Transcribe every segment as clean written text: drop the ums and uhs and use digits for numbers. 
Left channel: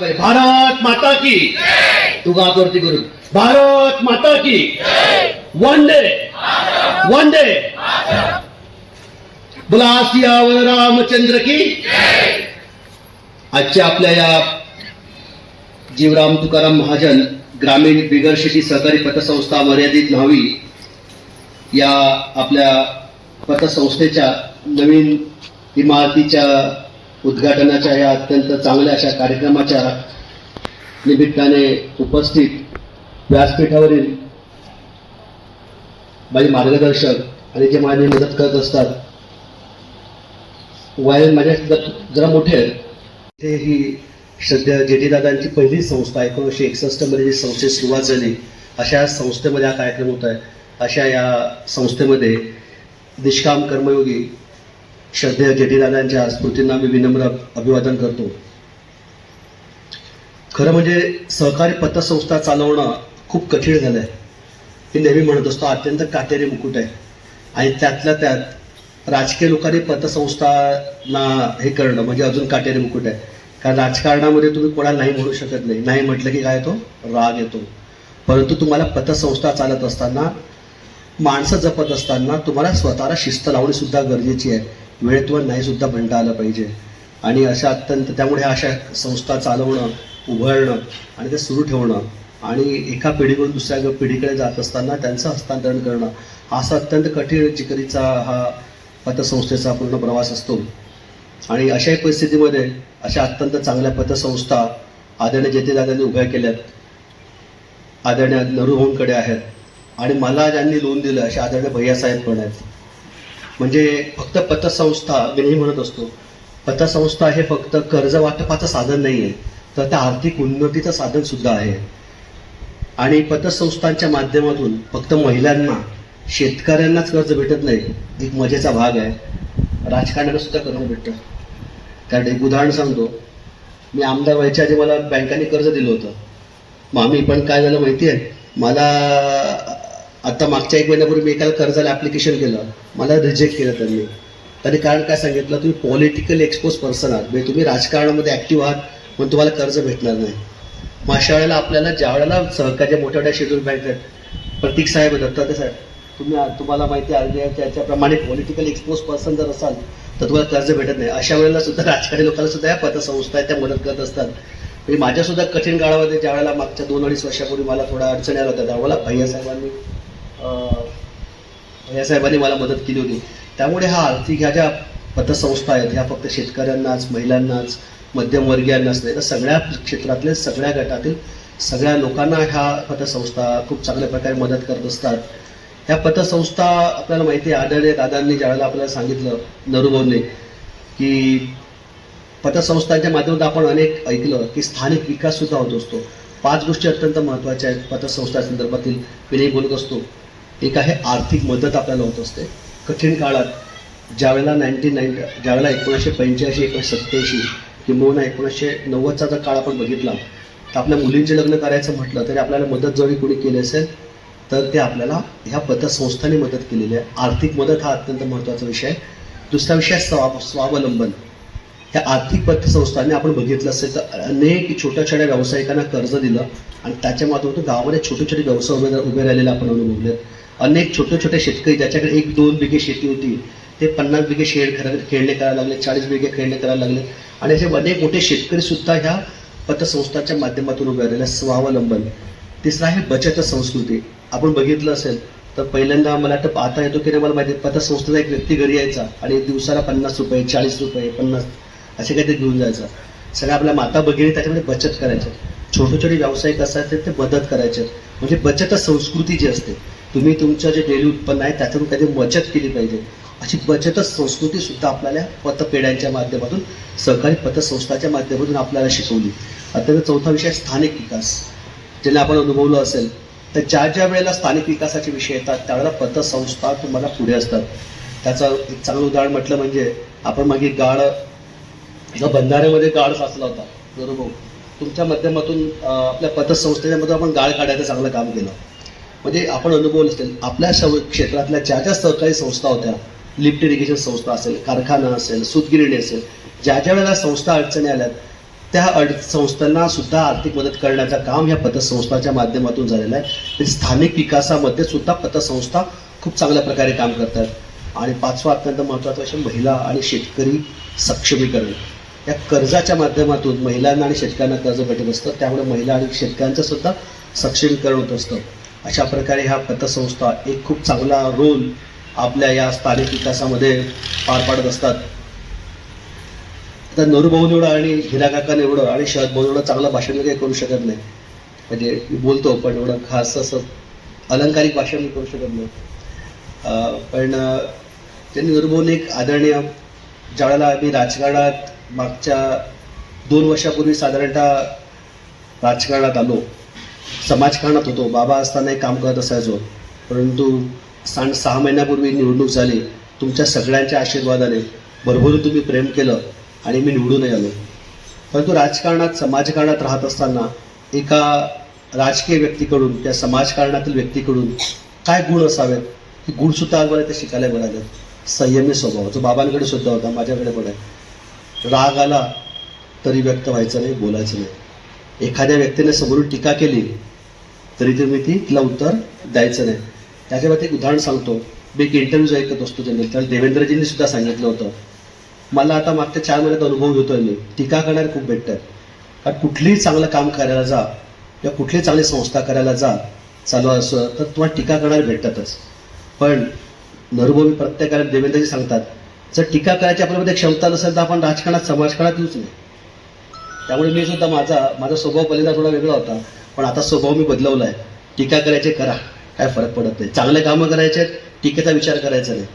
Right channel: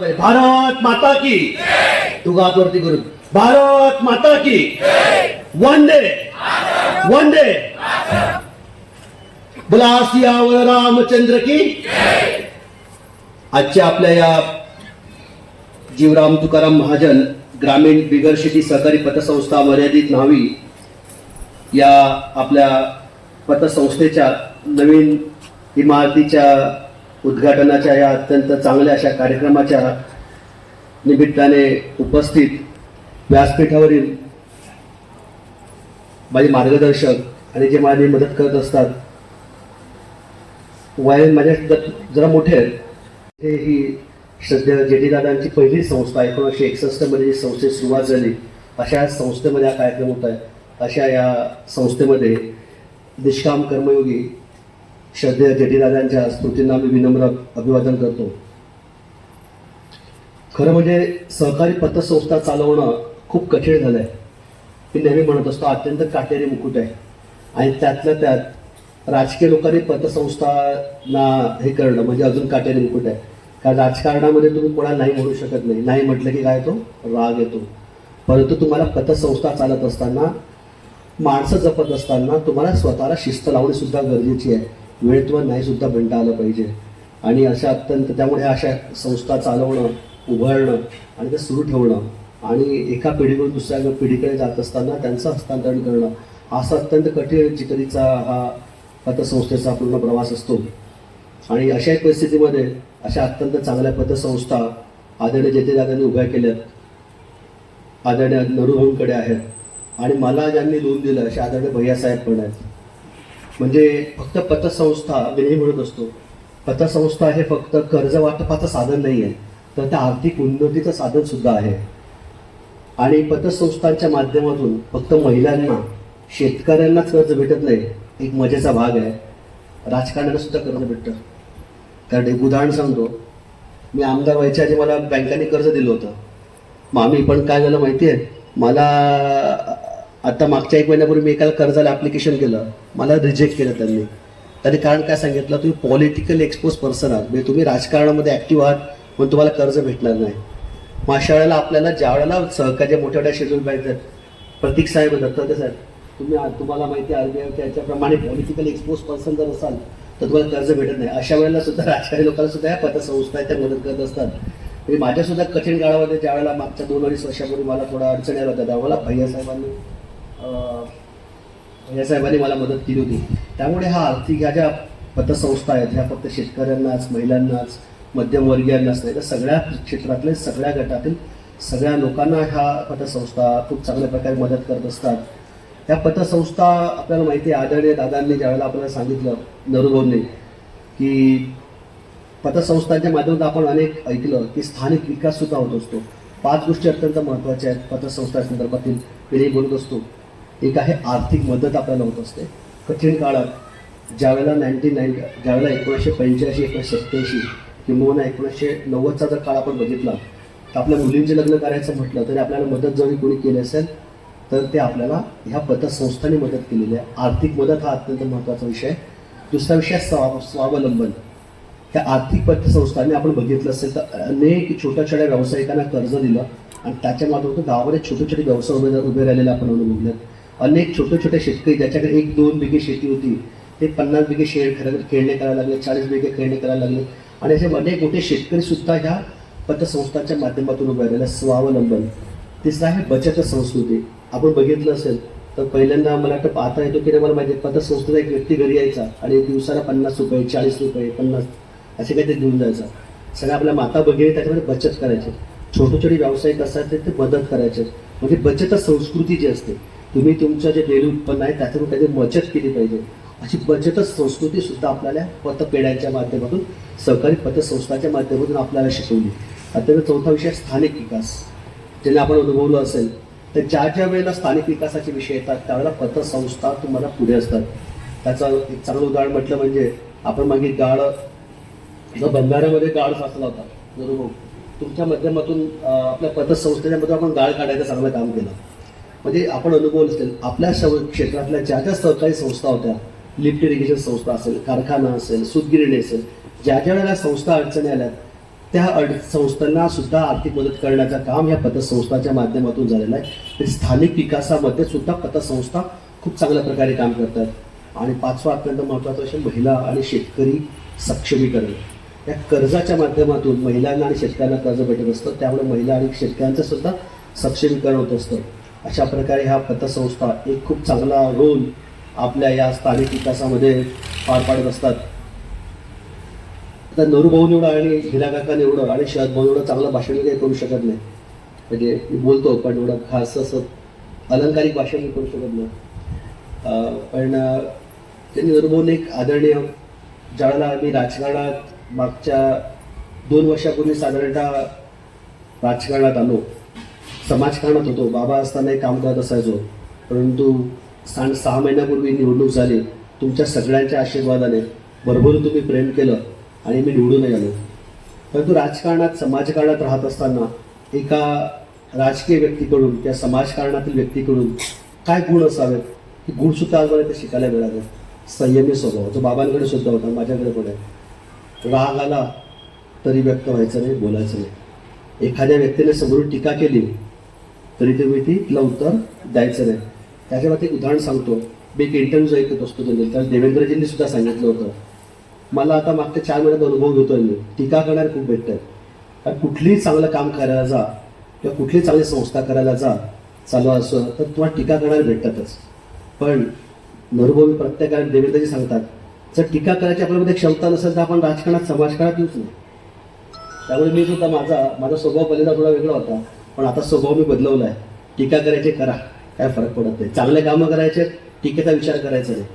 भारत माता की, तू हात वरती करून भारत माता की, वंदे वंदे, बोला सियावर रामचंद्र की. आजच्या आपल्या या जीवराम तुकाराम महाजन ग्रामीण बिगर शेती सहकारी पतसंस्था मर्यादित न्हावी या आपल्या पतसंस्थेच्या नवीन इमारतीच्या उद्घाटनाच्या या अत्यंत चांगल्या अशा कार्यक्रमाच्या निमित्ताने उपस्थित व्यासपीठावरील माझे मार्गदर्शक आणि जे माझी मदत करत असतात, वयाने माझ्या जरा मोठे आहेत. इथे ही सध्या जेटीदादांची पहिली संस्था 1961 मध्ये जी संस्थेची सुरुवात झाली, अशा संस्थेमध्ये हा कार्यक्रम होत आहे. अशा या संस्थेमध्ये निष्काम कर्मयोगी श्रद्धेय जेटीदादांच्या स्मृतींना मी विनम्र अभिवादन करतो. खरं म्हणजे सहकारी पतसंस्था चालवणं खूप कठीण झालं आहे. मी नेहमी म्हणत असतो अत्यंत काटेरी मुकुट आहे. आणि त्यातल्या त्यात राजकीय लोकांनी पतसंस्थांना हे करणं म्हणजे अजून काटेरी मुकुट आहे. कारण राजकारणामध्ये तुम्ही कोणाला नाही म्हणू शकत नाही. नाही म्हटलं की काय येतो, राग येतो. परंतु तुम्हाला पतसंस्था चालत असताना, माणसं जपत असताना तुम्हाला स्वतःला शिस्त लावणे सुद्धा गरजेची आहे. वेळेत नाही सुद्धा म्हणता आलं पाहिजे. आणि अशा अत्यंत त्यामुळे अशा संस्था चालवणं, उभारणं आणि ते सुरू ठेवणं आणि एका पिढीकडून दुसऱ्या पिढीकडे जात असताना त्यांचं हस्तांतरण करणं, असा अत्यंत कठीण जिकरीचा हा पतसंस्थेचा पूर्ण प्रवास असतो. आणि अशाही परिस्थितीमध्ये अशा अत्यंत चांगल्या पतसंस्था आदरणीय जेटीदादांनी उभ्या केल्यात, आदरणीय नरूभाऊंकडे आहेत. आणि मला ज्यांनी लोन दिलं असे आदरणीय भैयासाहेब पण आहेत. म्हणजे फक्त पतसंस्था, मी नेहमी म्हणत असतो, पतसंस्था हे फक्त कर्ज वाटपाचं साधन नाही आहे, तर त्या आर्थिक उन्नतीचं साधन सुद्धा आहे. आणि पतसंस्थांच्या माध्यमातून फक्त महिलांना, शेतकऱ्यांनाच कर्ज भेटत नाही, एक मजेचा भाग आहे, राजकारणाला सुद्धा कर्ज भेटतं. कारण एक उदाहरण सांगतो, मी आमदार व्हायच्या आधी मला बँकांनी कर्ज दिलं होतं. मग आम्ही पण काय झालं माहिती आहे, मला आता मागच्या 1 महिन्यापूर्वी मी एकाला कर्जाला ॲप्लिकेशन केलं, मला रिजेक्ट केलं त्यांनी. त्यांनी कारण काय सांगितलं, तुम्ही पॉलिटिकल एक्सपोज पर्सन आहात, म्हणजे तुम्ही राजकारणामध्ये ॲक्टिव्ह आहात पण तुम्हाला कर्ज भेटणार नाही. मग अशा वेळेला आपल्याला ज्या वेळेला सहकार्य मोठ्या मोठ्या शेड्यूल बँक आहेत, प्रतीक साहेब दत्तात्रय साहेब, तुम्हाला माहिती आहे त्याच्याप्रमाणे पॉलिटिकल एक्सपोज पर्सन जर असाल तर तुम्हाला कर्ज भेटत नाही. अशा वेळेला सुद्धा राजकारणी लोकांना सुद्धा या पतसंस्था त्या मदत करत असतात. म्हणजे माझ्यासुद्धा कठीण काळामध्ये ज्या वेळेला मागच्या 2-2.5 वर्षापूर्वी मला थोड्या अडचणी आल्या होत्या, त्यावेळेला भैयासाहेबांनी मला मदत केली होती. त्यामुळे हा आर्थिक ह्या ज्या पतसंस्था आहेत ह्या फक्त शेतकऱ्यांनाच, महिलांनाच, मध्यमवर्गीयांनाच नाही, तर सगळ्या क्षेत्रातले, सगळ्या गटातील सगळ्या लोकांना ह्या पतसंस्था खूप चांगल्या प्रकारे मदत करत असतात. ह्या पतसंस्था आपल्याला माहिती आहे, आदरणीय दादांनी ज्यावेळेला आपल्याला सांगितलं, नरूभाऊंनी, की पतसंस्थांच्या माध्यमातून आपण अनेक ऐकलं की स्थानिक विकास सुद्धा होत असतो. 5 गोष्टी अत्यंत महत्त्वाच्या आहेत पतसंस्था संदर्भातील मी नाही बोलत असतो. एक आहे आर्थिक मदत आपल्याला होत असते कठीण काळात. ज्यावेळेला 1985, 1987 किंवा 1990चा जर काळ आपण बघितला, तर आपल्या मुलींचे लग्न करायचं म्हटलं तरी आपल्याला मदत जरी कोणी केली असेल तर ते आपल्याला ह्या पतसंस्थांनी मदत केलेली आहे. आर्थिक मदत हा अत्यंत महत्त्वाचा विषय आहे. दुसरा विषय स्वावलंबन. ह्या आर्थिक पतसंस्थांनी आपण बघितलं असेल तर अनेक छोट्या छोट्या व्यावसायिकांना कर्ज दिलं आणि त्याच्या माध्यमातून गावामध्ये छोटे छोटे व्यवसाय उभे राहिलेले आपण अनुभवलेत. अनेक छोटे छोटे शेतकरी ज्याच्याकडे 1-2 बिघे शेती होती ते 50 बिघे खेळणे करायला लागले, 40 बिघे खेळणे करायला लागले. आणि असे अनेक मोठे शेतकरी सुद्धा ह्या पतसंस्थांच्या माध्यमातून उभे राहिलेले. स्वावलंबन. तिसरं आहे बचत संस्कृती. आपण बघितलं असेल तर पहिल्यांदा मला वाटतं पाहता येतो की मला माहिती, पतसंस्थेचा एक व्यक्ती घरी यायचा आणि दिवसाला 50 रुपये, 40 रुपये, 50 असे काहीतरी घेऊन जायचा. सगळ्या आपल्या माता भगिनी त्याच्यामध्ये बचत करायचे. छोटे छोटे व्यावसायिक असतात ते मदत करायचे. म्हणजे बचत संस्कृती जी असते, तुम्ही तुमचं जे डेली उत्पन्न आहे त्याच्यातून कधी बचत केली पाहिजे, अशी बचत संस्कृती सुद्धा आपल्याला पतपेढ्यांच्या माध्यमातून, सहकारी पतसंस्थाच्या माध्यमातून आपल्याला शिकवली. आता चौथा विषय स्थानिक विकास. ज्याला आपण अनुभवलं असेल तर ज्या वेळेला स्थानिक विकासाचे विषय येतात त्यावेळेला पतसंस्था तुम्हाला पुढे असतात. त्याचं एक चांगलं उदाहरण म्हटलं म्हणजे आपण मागे बंधाऱ्यामध्ये गाळ साचला होता, बरोबर, तुमच्या माध्यमातून आपल्या पतसंस्थेच्या मध्ये आपण गाळ काढायचं चांगलं काम केलं. म्हणजे आपण अनुभवलं असेल आपल्या क्षेत्रातल्या ज्या ज्या सहकारी संस्था होत्या, लिफ्ट इरिगेशन संस्था असेल, कारखाना असेल, सूतगिरणी असेल, ज्या वेळेला संस्था अडचणी आल्यात त्या संस्थांना सुद्धा आर्थिक मदत करण्याचं काम ह्या पतसंस्थाच्या माध्यमातून झालेलं आहे. तर स्थानिक विकासामध्ये सुद्धा पतसंस्था खूप चांगल्या प्रकारे काम करतात. आणि पाचवा अत्यंत महत्त्वाचा विषय महिला आणि शेतकरी सक्षमीकरण. या कर्जाच्या माध्यमातून महिलांना आणि शेतकऱ्यांना कर्ज भेटत असतं, त्यामुळे महिला आणि शेतकऱ्यांचं सुद्धा सक्षमीकरण होत असतं. अशा प्रकारे ह्या पतसंस्था एक खूप चांगला रोल आपल्या या स्थानिक विकासामध्ये पार पाडत असतात. आता नरूभाऊ एवढं आणि हिरा काका एवढं आणि शरद भाऊ एवढं चांगलं भाषण मी काही करू शकत नाही. म्हणजे मी बोलतो पण एवढं खास असं अलंकारिक भाषण मी करू शकत नाही. पण त्यांनी नरूभाऊने एक आदरणीय, ज्यावेळेला मी राजकारणात मागच्या 2 वर्षापूर्वी साधारणतः राजकारणात आलो, समाजकारणात होतो, बाबा असताना एक काम करत असायचो, परंतु 6 महिन्यापूर्वी निवडणूक झाली. तुमच्या सगळ्यांच्या आशीर्वादाने भरभरून तुम्ही प्रेम केलं आणि मी निवडूनही आलो. परंतु राजकारणात समाजकारणात राहत असताना एका राजकीय व्यक्तीकडून त्या समाजकारणातील व्यक्तीकडून काय गुण असावेत हे गुणसुद्धा आज मला ते शिकायला मिळाले. संयमी स्वभाव, जो बाबांकडे सुद्धा होता, माझ्याकडे पण आहे. राग आला तरी व्यक्त व्हायचं नाही, बोलायचं नाही. एखाद्या व्यक्तीने समोरून टीका केली तरी तुम्ही तिला उत्तर द्यायचं नाही. त्याच्यावर एक उदाहरण सांगतो. मी एक इंटरव्ह्यूज ऐकत असतो जनरल, त्याला देवेंद्रजींनी सुद्धा सांगितलं होतं. मला आता मागच्या 4 महिन्यात अनुभव घेतोय मी, टीका करणारे खूप भेटतात. कारण कुठलीही चांगलं काम करायला जा किंवा कुठलीही चांगली संस्था करायला जा चालू असं तर तुम्हाला टीका करणारे भेटतातच. पण नरूभाऊ प्रत्येकाला देवेंद्रजी सांगतात, जर टीका करायची आपल्यामध्ये क्षमता नसेल तर आपण राजकारणात समाजकारणात येऊच नाही. त्यामुळे मी सुद्धा माझा स्वभाव पहिल्यांदा थोडा वेगळा होता, पण आता स्वभाव मी बदलवला आहे. टीका करायचे करा, काय फरक पडत नाही. चांगले कामं करायचे, टीकेचा विचार करायचा नाही.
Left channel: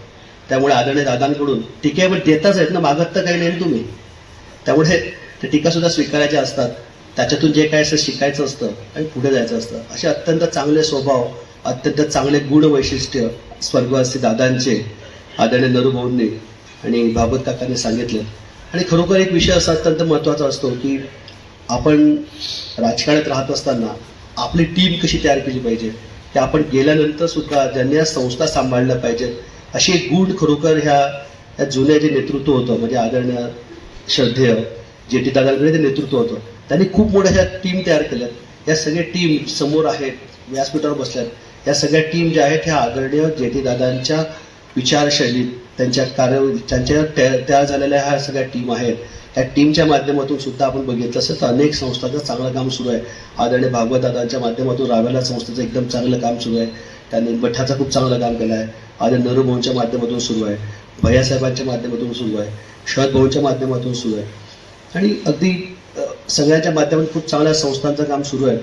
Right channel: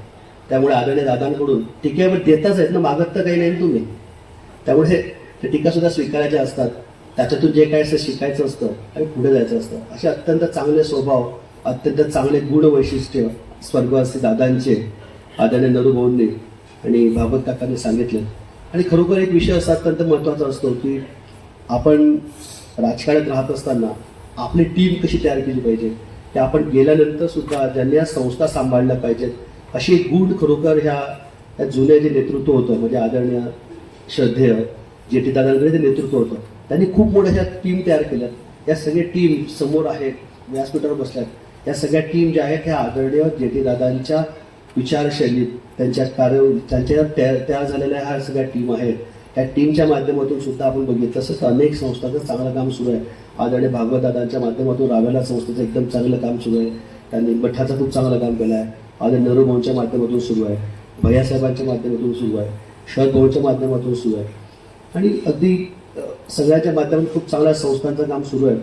त्यामुळे आदरणीय दादांकडून टीकेवर देताच आहेत ना, मागत तर काही नाही तुम्ही. त्यामुळे ते टीकासुद्धा स्वीकारायच्या असतात, त्याच्यातून जे काय असं शिकायचं असतं आणि पुढे जायचं असतं. असे अत्यंत चांगले स्वभाव, अत्यंत चांगले गुण वैशिष्ट्य स्वर्गवासी दादांचे आदरणीय नरूभाऊंनी आणि भागवत काकांनी सांगितले. आणि खरोखर एक विषय असा अत्यंत महत्त्वाचा असतो की आपण राजकारणात राहत असताना आपली टीम कशी तयार केली पाहिजे, ते आपण गेल्यानंतर सुद्धा ज्यांनी या संस्था सांभाळल्या पाहिजेत असे गुण खरोखर ह्या जुन्या जे नेतृत्व होतं, म्हणजे आदरणीय श्रद्धेय जे टी दादांकडे ते नेतृत्व होतं, त्यांनी खूप मोठ्या ह्या टीम तयार केल्यात. या सगळ्या टीम समोर आहेत, व्यासपीठावर बसल्यात. या सगळ्या टीम ज्या आहेत ह्या आदरणीय जे टी दादांच्या विचारशैलीत त्यांच्या त्यांच्या तयार झालेल्या ह्या सगळ्या टीम आहेत. त्या टीमच्या माध्यमातून सुद्धा आपण बघितलं असेल तर अनेक संस्थांचं चांगलं काम सुरू आहे. आदरणीय भागवत दादांच्या माध्यमातून रावेला संस्थेचं एकदम चांगलं काम सुरू आहे. त्यांनी मठाचं खूप चांगलं काम केलं आहे. आदरणीय नरूभाऊंच्या माध्यमातून सुरू आहे, भैयासाहेबांच्या माध्यमातून सुरू आहे, शरद भाऊंच्या माध्यमातून सुरू आहे आणि अगदी सगळ्यांच्या माध्यमातून खूप चांगल्या संस्थांचं काम सुरू आहे.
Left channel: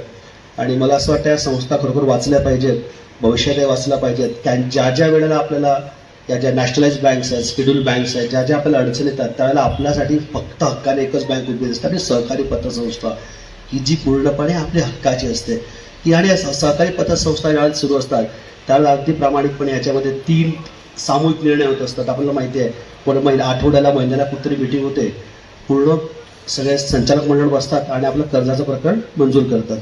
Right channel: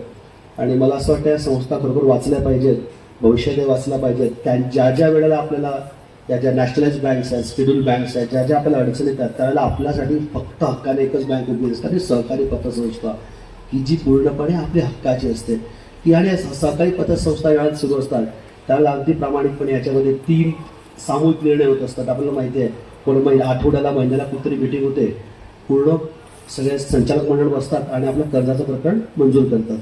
आणि मला असं वाटतं या संस्था खरोखर वाचल्या पाहिजेत, भविष्यात वाचल्या पाहिजेत. ज्या ज्या वेळेला आपल्याला या ज्या नॅशनलाइज बँक्स आहेत, शेड्यूल बँक्स आहेत, ज्या ज्या आपल्याला अडचणी येतात त्यावेळेला आपल्यासाठी फक्त हक्काने एकच बँक उभी असते आणि सहकारी पतसंस्था, ही जी पूर्णपणे आपली हक्काची असते की. आणि सहकारी पतसंस्था ज्यावेळेला सुरू असतात त्यावेळेला अगदी प्रामाणिकपणे याच्यामध्ये 3 सामूहिक निर्णय होत असतात. आपल्याला माहिती आहे, कोण आठवड्याला महिन्याला कुठतरी मिटिंग होते, पूर्ण सगळे संचालक मंडळ बसतात आणि आपलं कर्जाचं प्रकरण मंजूर करतात.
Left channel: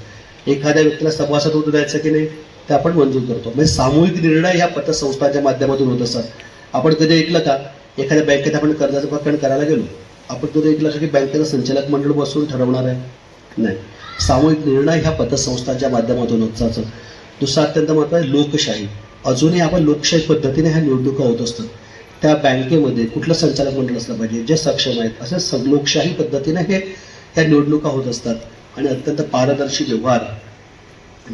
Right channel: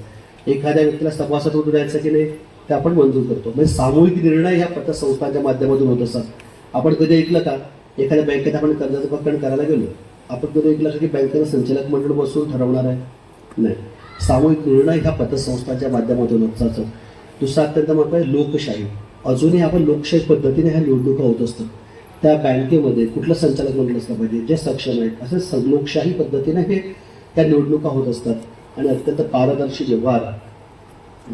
एखाद्या व्यक्तीला सभासद होतं द्यायचं की नाही ते आपण मंजूर करतो. म्हणजे सामूहिक निर्णय ह्या पतसंस्थांच्या माध्यमातून होत असतात. आपण कधी ऐकलं का एखाद्या बँकेत आपण कर्जाचं प्रकरण करायला गेलो, आपण कधी ऐकलं का की बँकेचं संचालक मंडळ बसून ठरवणार आहे? नाही, सामूहिक निर्णय ह्या पतसंस्थांच्या माध्यमातून होत जातं. दुसरा अत्यंत महत्त्वाचं लोकशाही. अजूनही आपण लोकशाही पद्धतीने ह्या निवडणुका होत असतात. त्या बँकेमध्ये कुठलं संचालक मंडळ असलं पाहिजे, जे सक्षम आहेत, असे लोकशाही पद्धतीने ह्या निवडणुका होत असतात. आणि अत्यंत पारदर्शी व्यवहार,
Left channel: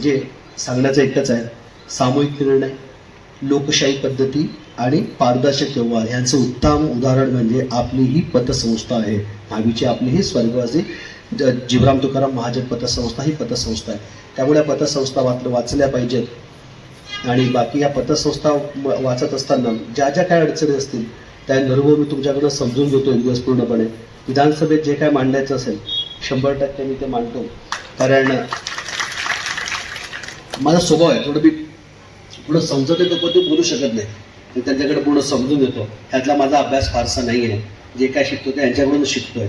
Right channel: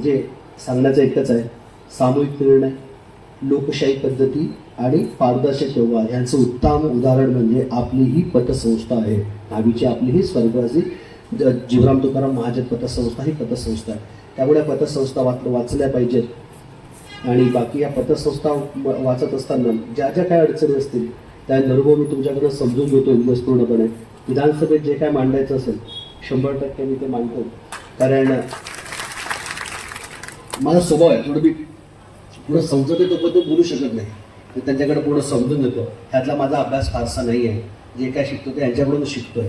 जे सांगण्याचं एकच आहे, सामूहिक निर्णय, लोकशाही पद्धती आणि पारदर्शक व्यवहार यांचं उत्तम उदाहरण म्हणजे आपली ही पतसंस्था आहे. नावीची आपली ही स्वर्गवासी जीवराम तुकाराम महाजन पतसंस्था ही पतसंस्था आहे. त्यामुळे या पतसंस्था वाचल्या पाहिजेत. आणि बाकी या पतसंस्था वाचत असताना ज्या ज्या काही अडचणी असतील त्या नरूभाऊ मी तुमच्याकडनं समजून घेतो दिवस पूर्णपणे. विधानसभेत जे काय मांडायचं असेल 100% मी ते मांडतो. कारण माझा स्वभाव आहे, थोडं समजत येतो पण ते बोलू शकत नाही. मी त्यांच्याकडे पूर्ण समजून घेतो. ह्यातला माझा अभ्यास फारसा नाही आहे, जे काय शिकतो ते यांच्याकडून शिकतोय.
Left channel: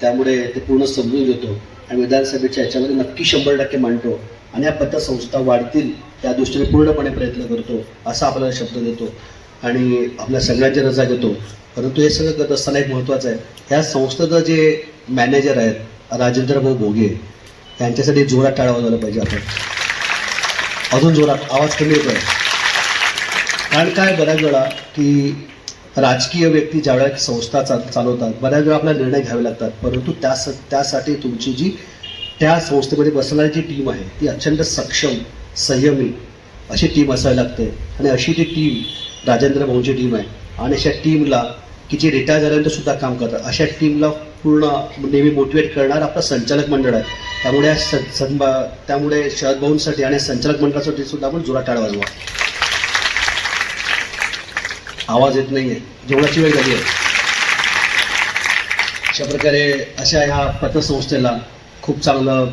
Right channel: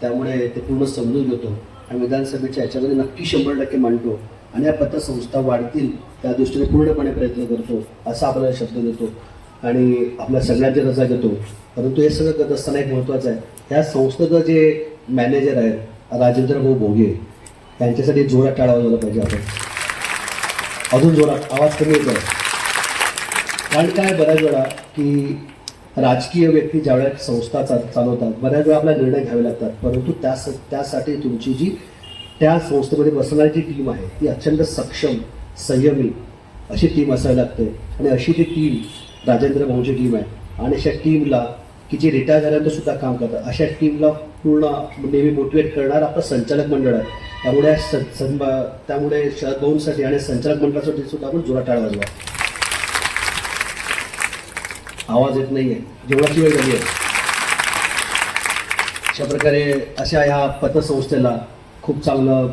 त्यामुळे ते पूर्ण समजून घेतो आणि विधानसभेच्या ह्याच्यामध्ये नक्की 100% मांडतो. आणि या पतसंस्था वाढतील त्या दृष्टीने पूर्णपणे प्रयत्न करतो, असा आपल्याला शब्द देतो आणि आपल्या सगळ्यांची रजा घेतो. परंतु हे सगळं करत असताना एक महत्त्वाचं आहे, ह्या संस्थेचं जे मॅनेजर आहेत राजेंद्र भाऊ भोगे यांच्यासाठी जोरात टाळा वाजवला पाहिजे. आपण अजून जोरात, आवाज कमी येतोय. कारण काय, बऱ्याच वेळा की राजकीय व्यक्ती ज्यावेळेस संस्था चालवतात, बऱ्याच वेळा आपल्याला निर्णय घ्यावे लागतात, परंतु त्यासाठी तुमची जी त्या संस्थेमध्ये बसणारी जी टीम आहे ती अत्यंत सक्षम, संयमी अशी टीम असायला लागते. आणि अशी ती टीम राजेंद्र भाऊंची टीम आहे. आणि अशा टीमला की जी रिटायर झाल्यानंतर सुद्धा काम करतात, अशा टीमला पूर्ण नेहमी मोटिवेट करणार आपलं संचालक मंडळ आहे. त्यामुळे शरद भाऊंसाठी आणि संचालक मंडळासाठी सुद्धा आपण जोरात टाळा वाजवा. आवाज येत नाहीये, जेवणाची वेळ झाली आहे. अशा प्रकारे अशा ह्या पतसंस्थेला खूप चांगलं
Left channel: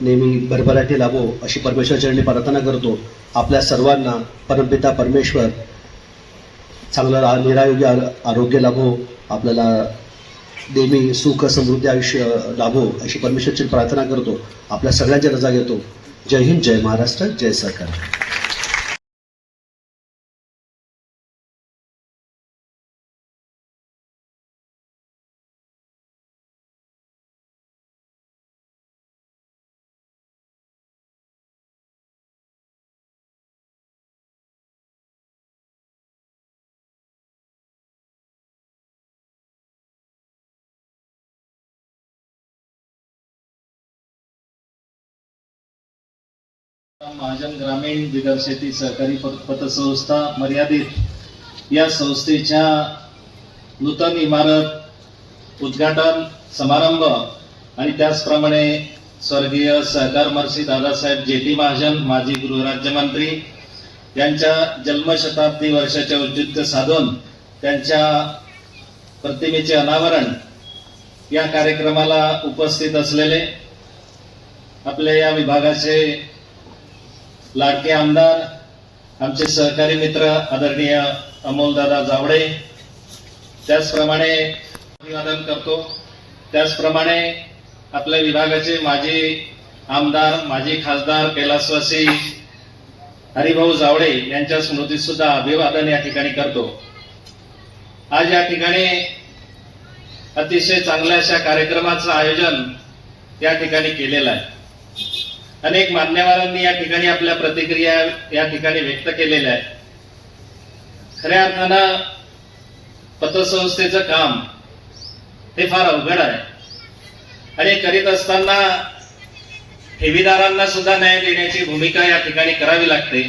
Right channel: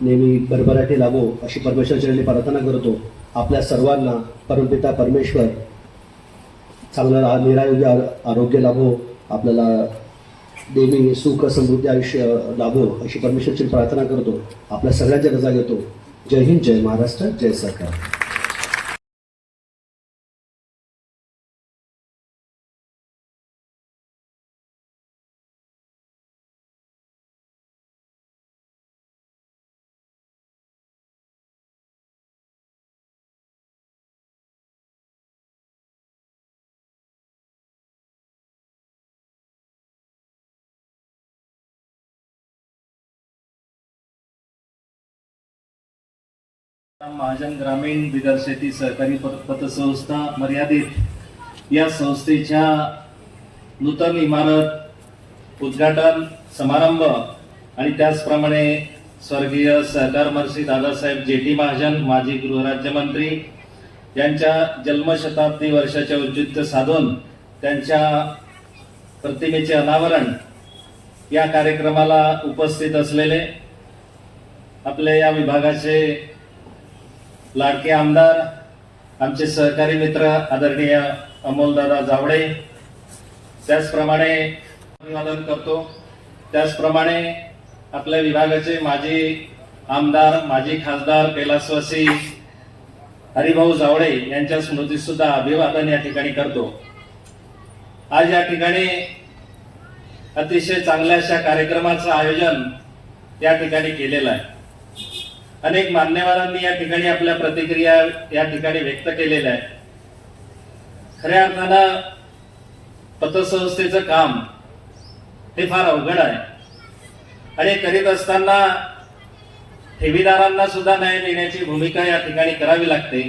नेहमी भरभराटी लाभो अशी परमेश्वरचरणी प्रार्थना करतो. आपल्या सर्वांना परमपिता परमेश्वर चांगलं निरायोग्य आरोग्य लाभो, आपल्याला नेहमी सुख समृद्धी आयुष्य लाभो अशी परमेश्वरची प्रार्थना करतो. आपल्या सगळ्यांच्या रजा घेतो. जय हिंद, जय महाराष्ट्र, जय सरकार. महाजन ग्रामीण बिगर शेती सहकारी पतसंस्था मर्यादित या संस्थेच्या नूतन इमारत उद्घाटन समारंभ आणि त्याचप्रमाणे स्वर्गीय सहकार महर्षी दादासाहेब जेटी महाजन माजी गृहराज्यमंत्री यांच्या जन्मशताब्दी वर्षाचे औचित्य साधून त्यांच्या प्रतिमेचे अनावरण या कार्यक्रमाला उपस्थित असलेले आपल्या या विभागाचे लाडके आमदार, आमचे सहकारी मित्र आदरणीय अमोलदादा जावडे, त्याचप्रमाणे अभिवादन करतो. त्याचप्रमाणे आपल्या विभागाचे माजी आमदार, माजी खासदार कैलासवासी हरिभाऊ जावडे यांच्या स्मृतीत सुद्धा अभिवादन या ठिकाणी करतो. आज या ठिकाणी अतिशय चांगल्या अशा कार्यक्रमाचं आयोजन या ठिकाणी केलेलं आहे. अनेक मान्यवरांनी या ठिकाणी आपल्या प्रतिक्रिया या ठिकाणी व्यक्त केलेल्या आहेत. खऱ्या अर्थानं पतसंस्थेचं काम हे फार अवघड आहे आणि करीत असताना ठेवीदारांना सुद्धा न्याय देण्याची भूमिका या ठिकाणी करावी लागते.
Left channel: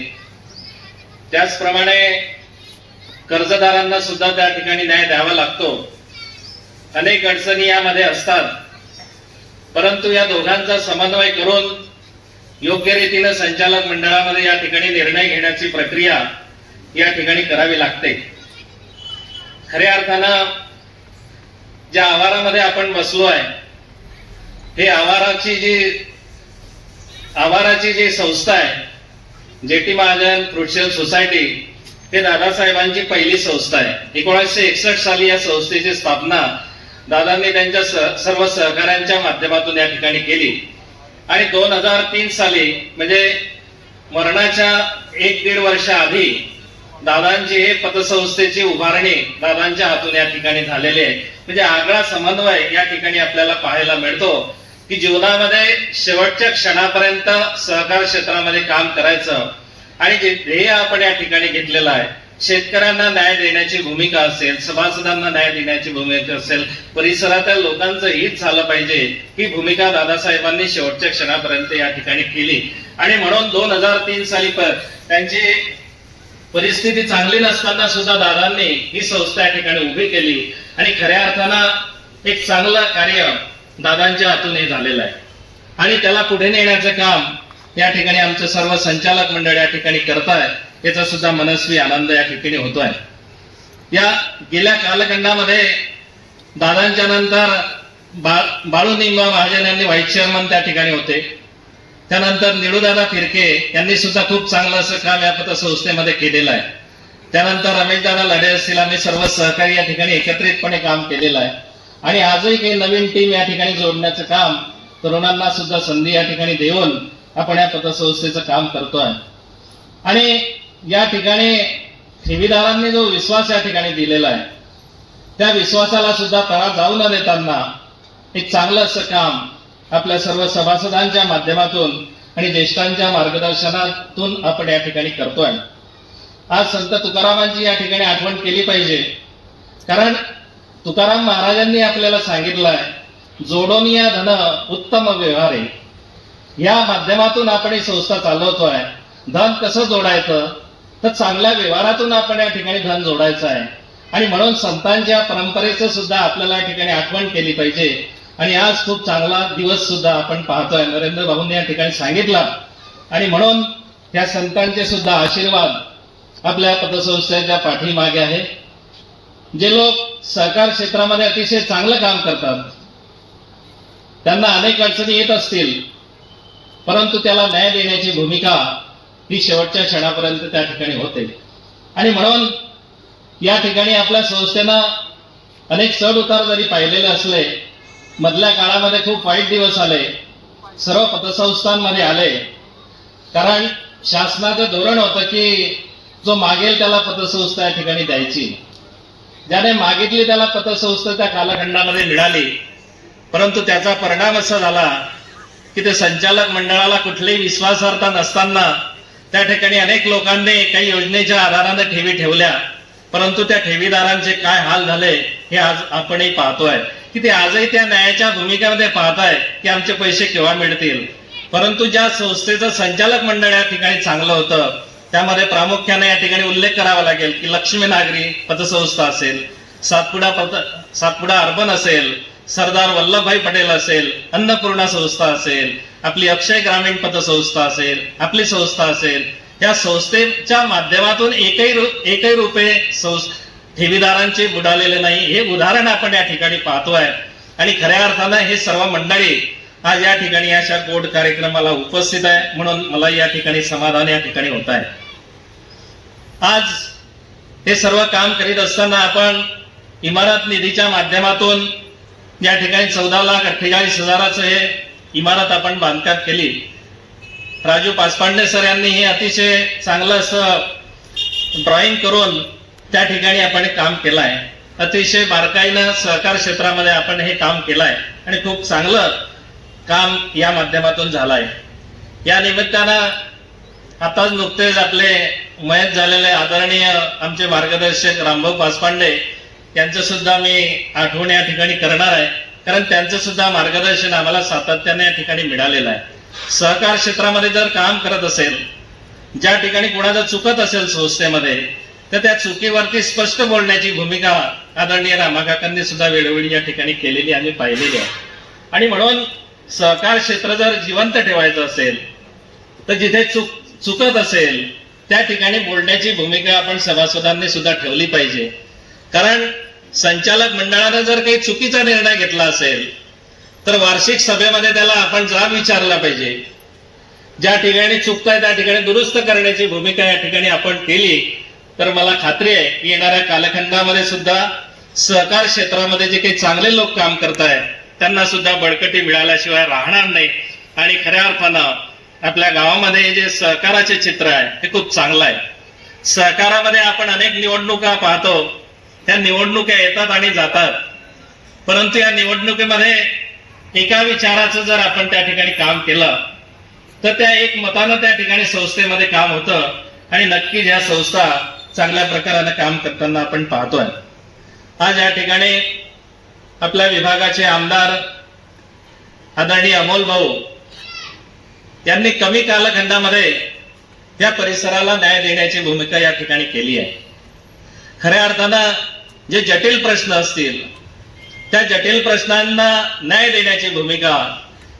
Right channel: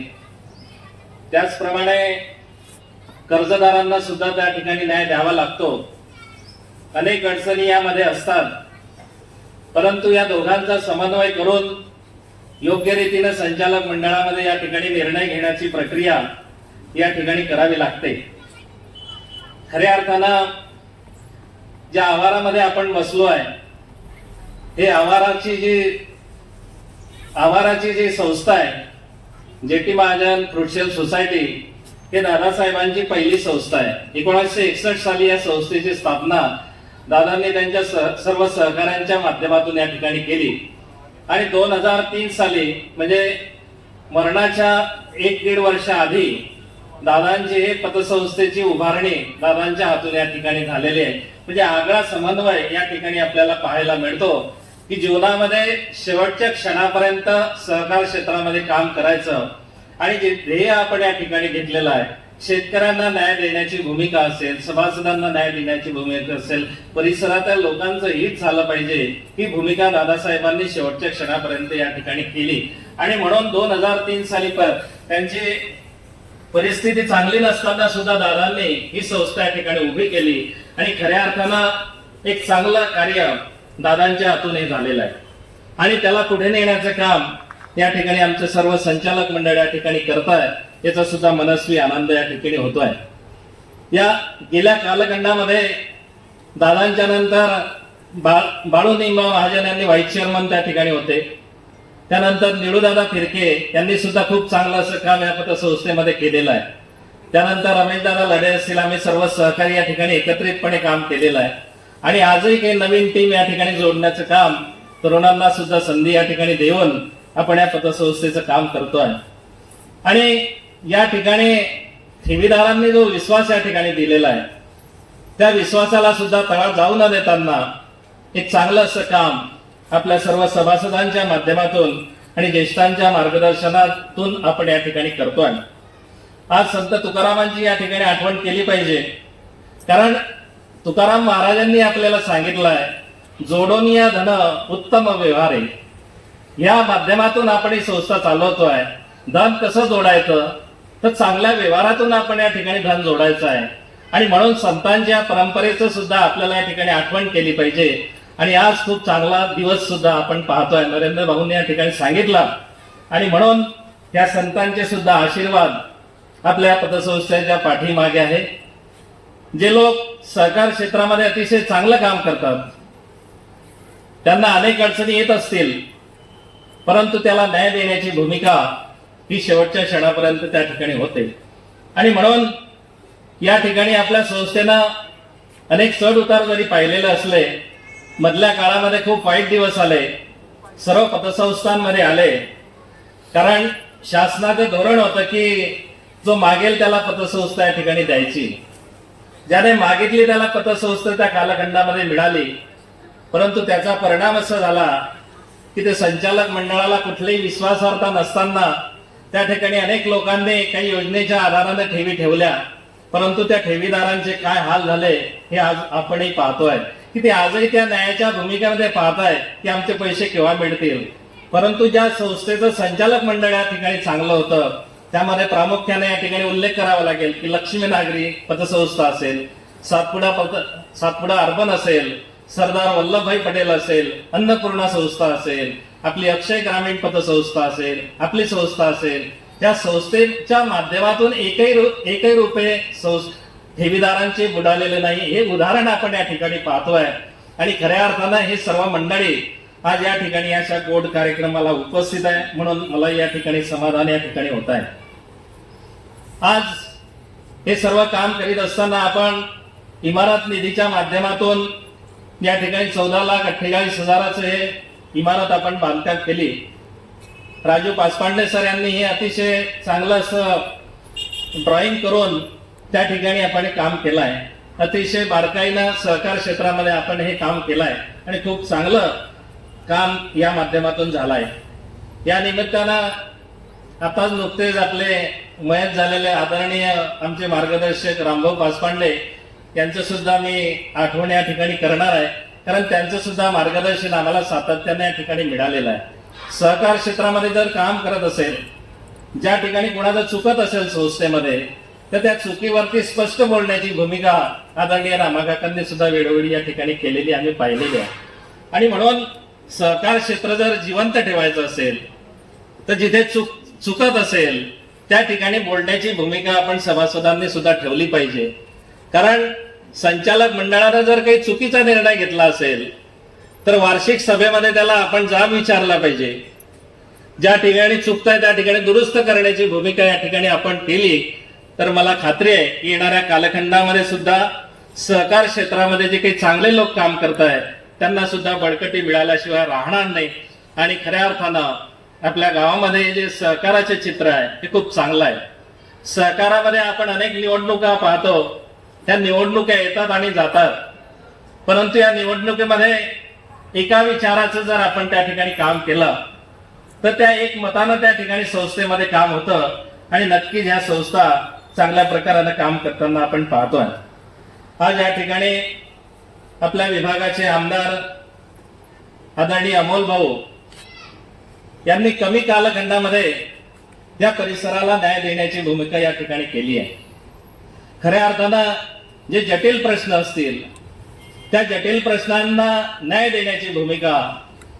त्याचप्रमाणे कर्जदारांना सुद्धा त्या ठिकाणी न्याय द्यावा लागतो. अनेक अडचणी यामध्ये असतात, परंतु या दोघांचा समन्वय करून योग्य रीतीने संचालक मंडळामध्ये या ठिकाणी निर्णय घेण्याची प्रक्रिया या ठिकाणी करावी लागते. खऱ्या अर्थानं ज्या आवारामध्ये आपण बसलो आहे, हे आवाराची जी संस्था आहे जेटी महाजन फ्रुटशेल सोसायटी, हे दादासाहेबांची पहिली संस्था आहे. 1961 साली या संस्थेची स्थापना दादांनी त्यांच्या सर्व सहकाऱ्यांच्या माध्यमातून या ठिकाणी केली आणि 2003 साली म्हणजे मरणाच्या 1-1.5 वर्ष आधी दादांची हे पतसंस्थेची उभारणी दादांच्या हातून या ठिकाणी झालेली आहे. म्हणजे आगळा समन्वय या ठिकाणी आपल्याला पाहायला मिळतो की जीवनामध्ये शेवटच्या क्षणापर्यंत सहकार क्षेत्रामध्ये काम करायचं आणि जे ध्येय आपण या ठिकाणी घेतलेलं आहे, शेतकऱ्यांना न्याय देण्याची भूमिका असेल, सभासदांना न्याय देण्याची भूमिका असेल, परिसरातील लोकांचं हित झालं पाहिजे, ही भूमिका दादासाहेबांनी शेवटच्या क्षणापर्यंत या ठिकाणी केली. आणि म्हणून 2003 साली त्यांची परिस्थिती चांगली नसताना सुद्धा दादांनी ही संस्था या ठिकाणी उभी केली आणि खऱ्या अर्थानं एक चांगलं कार्य दादांच्या हातून हे झालेलं आहे आणि त्याला पुढे नेण्याचं काम या ठिकाणी आमचे सर्व संचालक मंडळ या ठिकाणी करताय. याचा सुद्धा मनस्वी आनंद या ठिकाणी होतोय. या गेल्या कालखंडामध्ये दादांच्या नंतर बाळू निंबा महाजन यांनी व्हाईस चेअरमन त्या ठिकाणी होते. त्यानंतर निळूदादा फिरके यांनी सुद्धा खूप चांगलं असं काम या पतसंस्थेमध्ये केलेलं आहे. त्यानंतर रमेशदादा लढे असतील, आम्ही सर्व सहकारी या ठिकाणी एकत्रितपणे काम केलेलं आहे आणि आजही काही नवीन टीम या ठिकाणी जोडण्याचं काम, तरुणांना सुद्धा संधी या ठिकाणी देऊन आपण या पतसंस्थेचं काम करतोय. आणि या ठिकाणी ठेवीदारांनी जो विश्वास या ठिकाणी दिलेला आहे, त्या विश्वासाला सुद्धा तडा जाऊ न देताना एक चांगलं असं काम आपल्या सर्व सभासदांच्या माध्यमातून आणि ज्येष्ठांच्या मार्गदर्शनातून आपण या ठिकाणी करतोय. आज संत तुकारामांची या ठिकाणी आठवण केली पाहिजे, कारण तुकाराम महाराजांनी आपल्याला सांगितलंय, जोडोनिया धन उत्तम व्यवहार आहे. या माध्यमातून आपण ही संस्था चालवतोय. धन कसं जोडायचं, तर चांगल्या व्यवहारातून आपण या ठिकाणी धन जोडायचं आहे. आणि म्हणून संतांच्या परंपरेचं सुद्धा आपल्याला या ठिकाणी आठवण केली पाहिजे. आणि आज खूप चांगला दिवस सुद्धा आपण पाहतोय, नरेंद्र भाऊंनी या ठिकाणी सांगितला. आणि म्हणून या संतांचे सुद्धा आशीर्वाद आपल्या पतसंस्थेच्या पाठीमागे आहे. जे लोक सहकार क्षेत्रामध्ये अतिशय चांगलं काम करतात, त्यांना अनेक अडचणी येत असतील, परंतु त्याला न्याय देण्याची भूमिका ही शेवटच्या क्षणापर्यंत त्या ठिकाणी होते. आणि म्हणून या ठिकाणी आपल्या संस्थेनं अनेक चढ उतार जरी पाहिलेले असले, मधल्या काळामध्ये खूप वाईट दिवस आले, सर्व पतसंस्थांमध्ये आले. कारण शासनाचं धोरण होतं की जो मागेल त्याला पतसंस्था या ठिकाणी द्यायची. ज्याने मागितली त्याला पतसंस्था त्या कालखंडामध्ये मिळाली. परंतु त्याचा परिणाम असा झाला की ते संचालक मंडळाला कुठलीही विश्वासार्हता नसताना त्या ठिकाणी अनेक लोकांनी काही योजनेच्या आधाराने ठेवी ठेवल्या. परंतु त्या ठेवीदारांचे काय हाल झाले हे आज आपणही पाहतोय, की ते आजही त्या न्यायाच्या भूमिकेमध्ये पाहताय की आमचे पैसे केव्हा मिळतील. परंतु ज्या संस्थेचं संचालक मंडळ या ठिकाणी चांगलं होतं, त्यामध्ये या ठिकाणी उल्लेख करावा लागेल की लक्ष्मी नागरी पतसंस्था असेल, सातपुडा अर्बन असेल, सरदार वल्लभभाई पटेल असेल, अन्नपूर्णा संस्था असेल, आपली अक्षय ग्रामीण पतसंस्था असेल, आपली संस्था असेल. या संस्थेच्या माध्यमातून एकही रुपये ठेवीदारांचे बुडालेले नाही, हे उदाहरण आपण या ठिकाणी पाहतोय. आणि खऱ्या अर्थानं हे सर्व मंडळी आज या ठिकाणी अशा गोड कार्यक्रमाला उपस्थित आहे, म्हणून मला या ठिकाणी समाधान या ठिकाणी होत आहे. आज हे सर्व काम करीत असताना आपण इमारत निधीच्या माध्यमातून या ठिकाणी 14,48,000 हे इमारत आपण बांधकाम केली. राजू पासपांडे सर यांनी हे अतिशय चांगलं असं ड्रॉइंग करून त्या ठिकाणी आपण काम केलं आहे. अतिशय बारकाईनं सहकार क्षेत्रामध्ये आपण हे काम केलं आहे आणि खूप चांगलं काम या माध्यमातून झालं आहे. या निमित्तानं आताच नुकतेच आपले मयत झालेले आदरणीय आमचे मार्गदर्शक रामभाऊ पासपांडे यांचं सुद्धा मी आठवण या ठिकाणी करणार आहे, कारण त्यांचं सुद्धा मार्गदर्शन आम्हाला सातत्याने या ठिकाणी मिळालेलं आहे. सहकार क्षेत्रामध्ये जर काम करत असेल, ज्या ठिकाणी कोणाचं चुकत असेल संस्थेमध्ये, तर त्या चुकीवरती स्पष्ट बोलण्याची भूमिका आदरणीय रामाकाकांनी सुद्धा वेळोवेळी या ठिकाणी केलेली आम्ही पाहिलेली आहे. आणि म्हणून सहकार क्षेत्र जर जिवंत ठेवायचं असेल, तर जिथे चुकत असेल त्या ठिकाणी बोलण्याची भूमिका आपण सभासदांनी सुद्धा ठेवली पाहिजे. कारण संचालक मंडळाने जर काही चुकीचा निर्णय घेतला असेल, तर वार्षिक सभेमध्ये त्याला आपण जाब विचारला पाहिजे. ज्या ठिकाणी चुकताय त्या ठिकाणी दुरुस्त करण्याची भूमिका या ठिकाणी आपण केली, तर मला खात्री आहे की येणाऱ्या कालखंडामध्ये सुद्धा सहकार क्षेत्रामध्ये जे काही चांगले लोक काम करतायत त्यांना सुद्धा बळकटी मिळाल्याशिवाय राहणार नाही. आणि खऱ्या अर्थानं आपल्या गावामध्ये जे सहकाराचे चित्र आहे ते खूप चांगलं आहे. सहकारामध्ये आपण अनेक निवडणुका पाहतो, त्या निवडणुका येतात आणि जातात, परंतु या निवडणुकीमध्ये एका विचाराचं जर आपण त्या ठिकाणी काम केलं, तर त्या एक मतानं त्या ठिकाणी संस्थेमध्ये काम होतं आणि नक्कीच ह्या संस्था चांगल्या प्रकाराने काम करताना आपण पाहतोय. आज या ठिकाणी आपल्या विभागाचे आमदार आदरणीय अमोल भाऊ यांनी कमी कालखंडामध्ये या परिसराला न्याय देण्याची भूमिका या ठिकाणी केली आहे. खऱ्या अर्थानं जे जटिल प्रश्न असतील त्या जटिल प्रश्नांना न्याय देण्याची भूमिका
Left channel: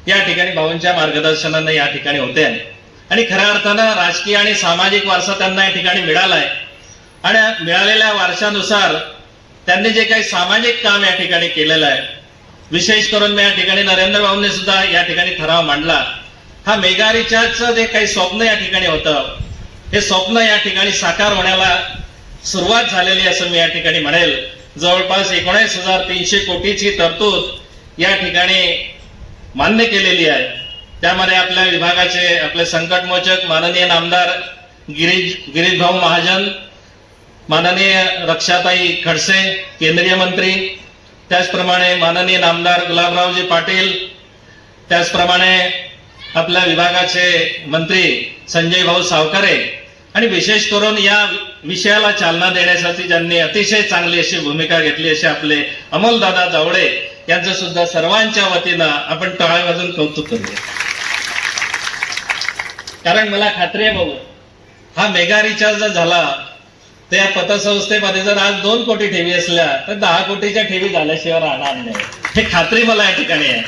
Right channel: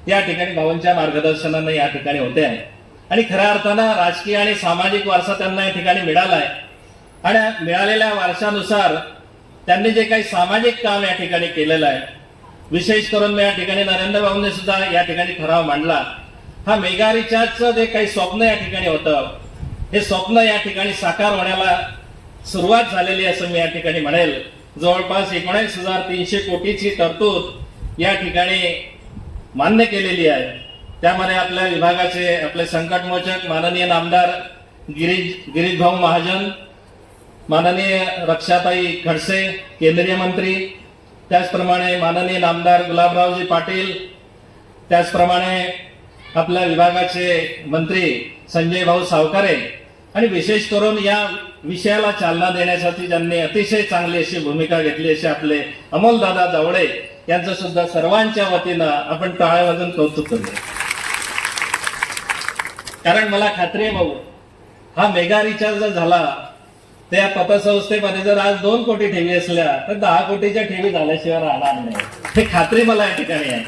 या ठिकाणी भाऊंच्या मार्गदर्शनाने या ठिकाणी होते. आणि खऱ्या अर्थानं राजकीय आणि सामाजिक वारसा त्यांना या ठिकाणी मिळालाय आणि मिळालेल्या वारशानुसार त्यांनी जे काही सामाजिक काम या ठिकाणी केलेलं आहे, विशेष करून मी या ठिकाणी नरेंद्र भाऊंनी सुद्धा या ठिकाणी ठराव मांडला. हा मेगा रिचार्जचं जे काही स्वप्न या ठिकाणी होतं, हे स्वप्न या ठिकाणी साकार होण्याला सुरुवात झालेली असं मी या ठिकाणी म्हणेल. जवळपास 19,300 कोटीची तरतूद या ठिकाणी मान्य केलेली आहे. त्यामध्ये आपल्या विभागाचे आपले संकटमोचक माननीय नामदार गिरीश भाऊ महाजन, माननीय रक्षाताई खडसे केंद्रीय मंत्री, त्याचप्रमाणे माननीय नामदार गुलाबरावजी पाटील, त्याचप्रमाणे आपल्या विभागाचे मंत्री संजय भाऊ सावकारे आणि विशेष करून या विषयाला चालना देण्यासाठी ज्यांनी अतिशय चांगली अशी भूमिका घेतली असे आपले अमोलदादा जावळे यांचं सुद्धा सर्वांच्या वतीनं आपण टाळ्या वाजून कौतुक करूया. कारण मला खात्री आहे भाऊ, हा मेगा रिचार्ज जर झाला तर या पतसंस्थेमध्ये जर आज 2 कोटी ठेवी असल्या तर 10 कोटीच्या ठेवी झाल्याशिवाय राहणार नाही, हे खात्री मला या ठिकाणी आहे.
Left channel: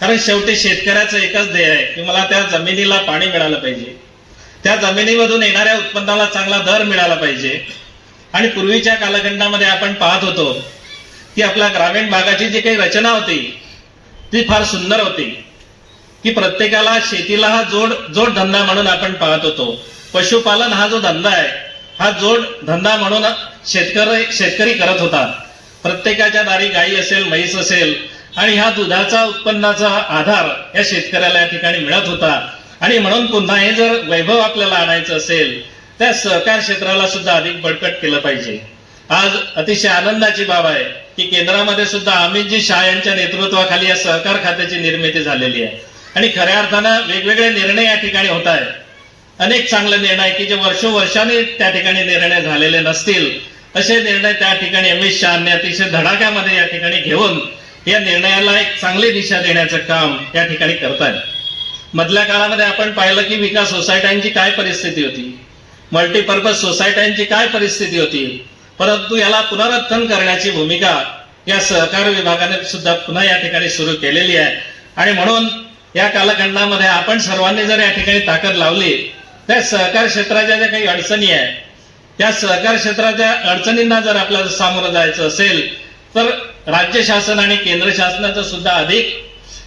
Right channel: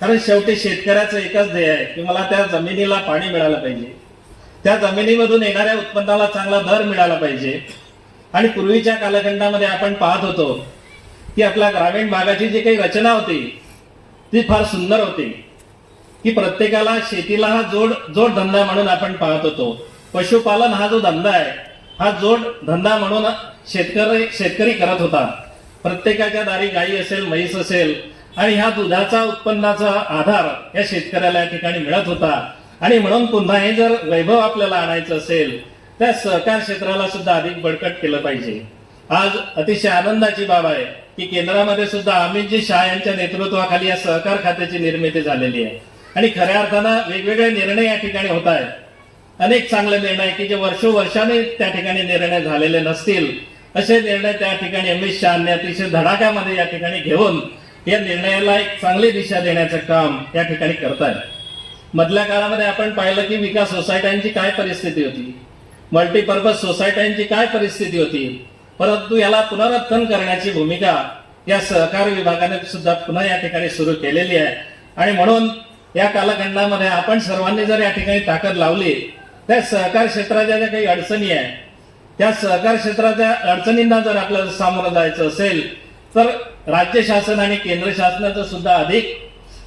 कारण शेवटी शेतकऱ्याचं एकच ध्येय आहे की मला त्या जमिनीला पाणी मिळालं पाहिजे, त्या जमिनीमधून येणाऱ्या उत्पन्नाला चांगला दर मिळाला पाहिजे. आणि पूर्वीच्या कालखंडामध्ये आपण पाहत होतो की आपल्या ग्रामीण भागाची जी काही रचना होती ती फार सुंदर होती की प्रत्येकाला शेतीला हा जोड धंदा म्हणून आपण पाहत होतो. पशुपालन हा जो धंदा आहे हा जोड धंदा म्हणून शेतकरी करत होता. प्रत्येकाच्या दारी गाई असेल, म्हैस असेल आणि ह्या दुधाचा उत्पन्नाचा आधार या शेतकऱ्याला या ठिकाणी मिळत होता. आणि म्हणून पुन्हा हे जर वैभव आपल्याला आणायचं असेल त्या सहकार क्षेत्राला सुद्धा अधिक बळकट केलं पाहिजे. आज अतिशय आनंदाची बाब आहे की केंद्रामध्ये सुद्धा अमितजी शहा यांच्या नेतृत्वाखाली या सहकार खात्याची निर्मिती झालेली आहे आणि खऱ्या अर्थानं वेगवेगळे निर्णय या ठिकाणी होत आहेत. अनेक चांगले निर्णय की जे वर्षोवर्षांनी त्या ठिकाणी निर्णय झालेले नसतील असे निर्णय त्या ठिकाणी अमित शहांनी अतिशय धडाक्यामध्ये या ठिकाणी घेऊन या निर्णयाला एक चांगली दिशा देण्याचं काम या ठिकाणी करतायत. मधल्या काळामध्ये आपण पाहिलं की विकास सोसायट्यांची काय परिस्थिती होती, मल्टीपर्पज सोसायट्यांची काय परिस्थिती होती, परंतु याला पुनरुत्थान करण्याची भूमिका या सहकार विभागाने सुद्धा पुन्हा या ठिकाणी सुरू केलेली आहे. आणि म्हणून या कालखंडामध्ये आपण सर्वांनी जर या ठिकाणी ताकद लावली त्या सहकार क्षेत्राच्या ज्या काही अडचणी आहेत त्या सहकार क्षेत्राच्या अडचणींना जर आपल्याला सामोरं जायचं असेल तर राज्य शासन आणि केंद्र शासनाचं सुद्धा अधिक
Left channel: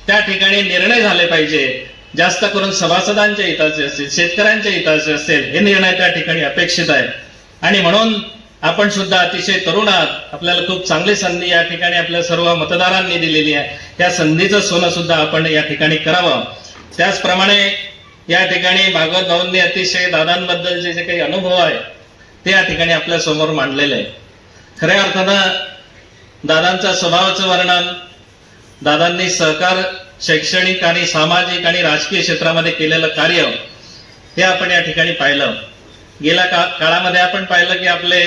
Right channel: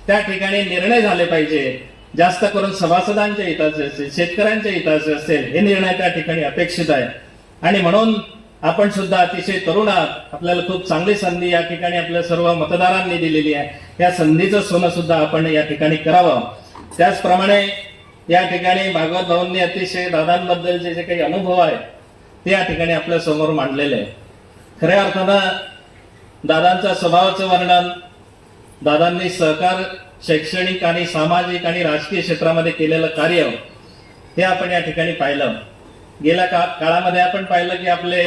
त्या ठिकाणी निर्णय झाले पाहिजे. जास्त करून सभासदांच्या हिताचे असतील, शेतकऱ्यांच्या हिताचे असेल, हे निर्णय त्या ठिकाणी अपेक्षित आहे. आणि म्हणून आपण सुद्धा अतिशय तरुण आहात, आपल्याला खूप चांगली संधी या ठिकाणी आपल्या सर्व मतदारांनी दिलेली आहे. त्या संधीचं सोनं सुद्धा आपण या ठिकाणी करावं. त्याचप्रमाणे या ठिकाणी भागवत भाऊंनी अतिशय दादांबद्दलचे जे काही अनुभव आहे ते या ठिकाणी आपल्या समोर मांडलेले आहे. खऱ्या अर्थानं दादांच्या स्वभावाचं वर्णन, दादांनी सहकार, शैक्षणिक आणि सामाजिक आणि राजकीय क्षेत्रामध्ये केलेलं कार्य हे आपण या ठिकाणी पाहिलं. गेल्या काळामध्ये आपण पाहिलं की आपले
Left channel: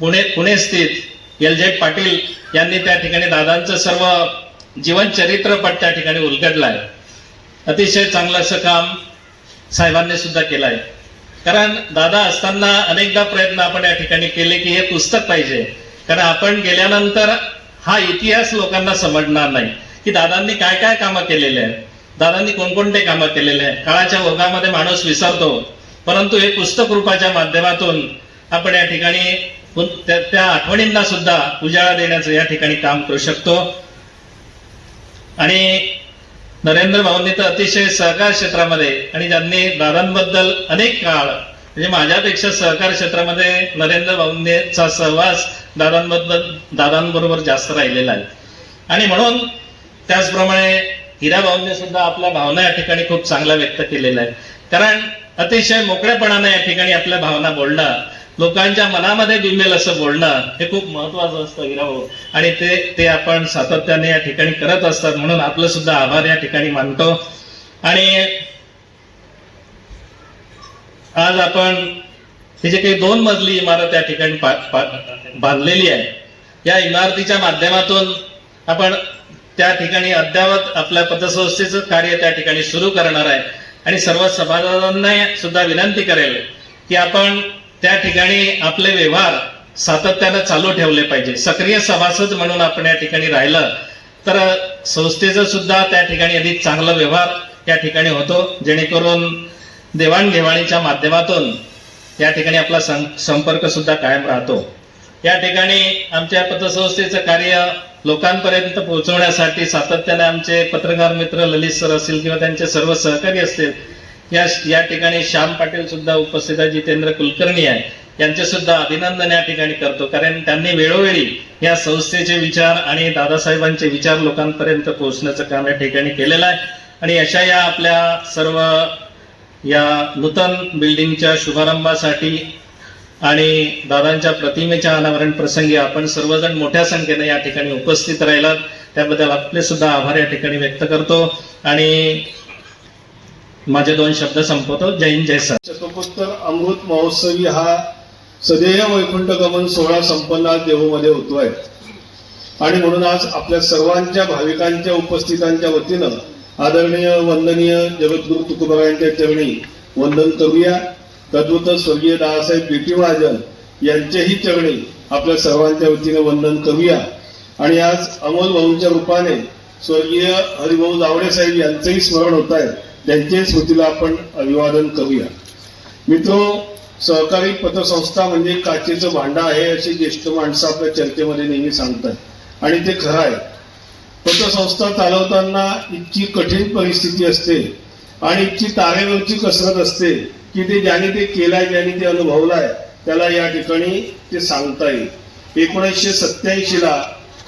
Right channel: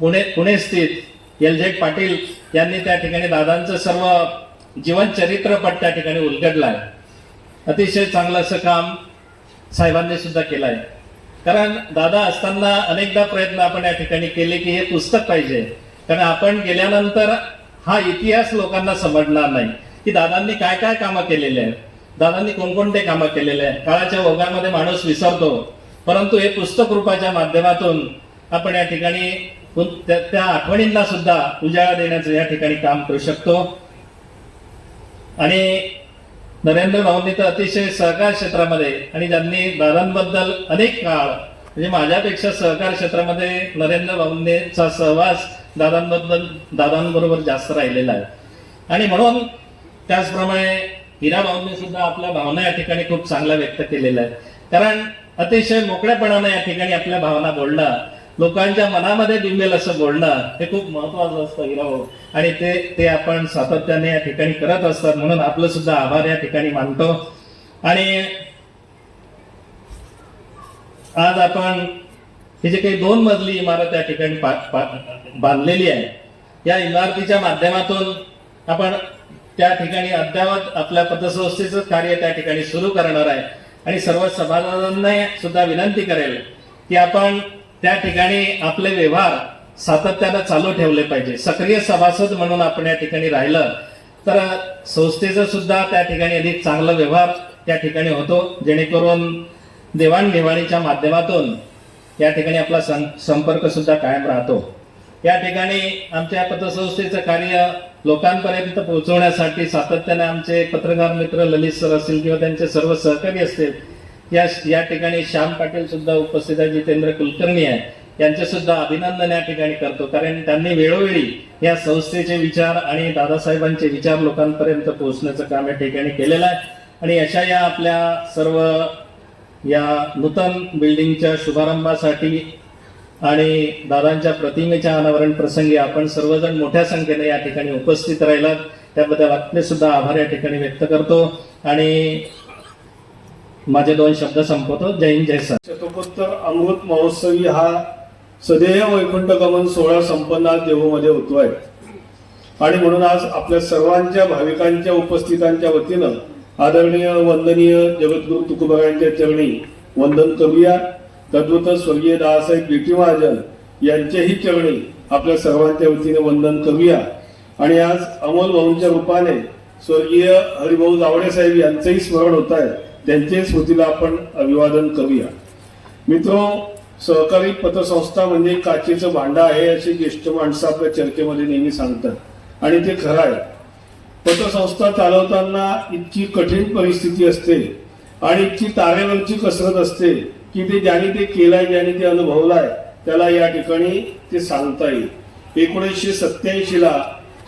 पुणे स्थित LZ पाटील यांनी त्या ठिकाणी दादांचं सर्व जीवन चरित्रपट त्या ठिकाणी उलगडलं आहे. अतिशय चांगलं असं काम साहेबांनी सुद्धा केलं आहे. कारण दादा असताना अनेकदा प्रयत्न आपण या ठिकाणी केले की हे पुस्तक पाहिजे, कारण आपण गेल्यानंतर हा इतिहास लोकांना समजणार नाही की दादांनी काय काय कामं केलेले आहेत, दादांनी कोणकोणते कामं केलेले आहेत. काळाच्या ओघामध्ये माणूस विसरतो, परंतु हे पुस्तक रूपाच्या माध्यमातून आपण या ठिकाणी त्या आठवणींना सुद्धा उजाळा देण्याचं या ठिकाणी काम करू शकतो. आणि नरेंद्र भाऊंनी तर अतिशय सहकार क्षेत्रामध्ये आणि ज्यांनी दादांबद्दल अनेक काळ म्हणजे माझ्यापेक्षा सहकार क्षेत्रामध्ये नरेंद्र भाऊंचा सहवास दादांबरोबर जास्त राहिलेला आहे. आणि म्हणून त्याचप्रमाणे हिरा भाऊंनी सुद्धा आपल्या भावना या ठिकाणी खूप चांगल्या व्यक्त केलेल्या आहेत. कारण अतिशय मोकळेपणाने या ठिकाणी आपल्या भावना बोलणं, लोकांच्या मनामध्ये बिंबेल असं बोलणं हे खूप महत्वाचं असतं हिरा भाऊ. आणि ते आपण सातत्याने या ठिकाणी करत असतात, म्हणून आपलं सुद्धा आभार या ठिकाणी मानतो. आणि आज आपण ही जे काही 2 मजली इमारत या ठिकाणी बांधलेली आहे, या इमारतीच्या माध्यमातून आपण त्या ठिकाणी अद्यावत आपल्या पतसंस्थेचं कार्य त्या ठिकाणी सुरू करणार आहे. आणि सर्व सभासदांना सुद्धा विनंती करेल की आपण त्या ठिकाणी आपले व्यवहार सातत्यानं चालू ठेवले पाहिजे. सक्रिय सभासद म्हणून आपण या ठिकाणी राहिलं तर संस्थेचं सुद्धा त्या ठिकाणी अधिक चांगला व्यवहार या ठिकाणी होतो, जेणेकरून देवाणघेवाणीच्या माध्यमातून या ठिकाणी आपला संपर्क सुद्धा कायम राहतो. या ठिकाणी आमच्या पतसंस्थेचं कार्य लोकांपर्यंत पोहोचवण्यासाठी सातत्याने आमचे पत्रकार मित्र ललित सर असतील किंवा त्यांचे सर्व सहकारी असतील, या ठिकाणी श्याम पाटील सुद्धा उपस्थित आहे, जितेंद्र कुलकर्णी आहे, यांचे सुद्धा अभिनंदन या ठिकाणी करतो. कारण त्यांनी वेळोवेळी या संस्थेचे विचार आणि दादासाहेबांचे विचार लोकांपर्यंत पोहोचण्याचं काम या ठिकाणी केलेलं आहे. आणि अशा या आपल्या सर्व या नूतन बिल्डिंगच्या शुभारंभासाठी आणि दादांच्या प्रतिमेच्या अनावरण प्रसंगी आपण सर्वजण मोठ्या संख्येने या ठिकाणी उपस्थित राहिलात त्याबद्दल आपले सुद्धा आभार या ठिकाणी व्यक्त करतो आणि माझे 2 शब्द संपवतो. जय हिंद, जय सर. शतकोत्तर अमृत महोत्सवी हा सदेह वैकुंठ गमन सोहळा संपन्न आज देहूमध्ये होतोय आणि म्हणून आज आपल्या सर्वांच्या भाविकांच्या उपस्थितांच्या वतीनं आदरणीय वंदनीय जगद्गुरु तुकोबारायांच्या चरणी वंदन करूया. तद्वत स्वर्गीय दादासाहेब बीटी महाजन यांच्याही चरणी आपल्या सर्वांच्या वतीने वंदन करूया आणि आज अमोल भाऊंच्या रूपाने स्वर्गीय हरिभाऊ जावडे साहेब यांचंही स्मरण होत आहे. त्यांच्याही स्मृतीला आपण अभिवादन करूया. मित्रो, सहकारी पतसंस्था म्हणजे काचेचं भांडं आहे अशी ज्येष्ठ माणसं आपल्या चर्चेमध्ये नेहमी सांगतात आणि ते खरं आहे. पतसंस्था चालवताना इतकी कठीण परिस्थिती असते आणि इतकी तारेवरची कसरत असते की ते ज्याने ते केलाय, ज्याने ते अनुभवलाय त्याला या ठिकाणी ते सांगता येईल. 1987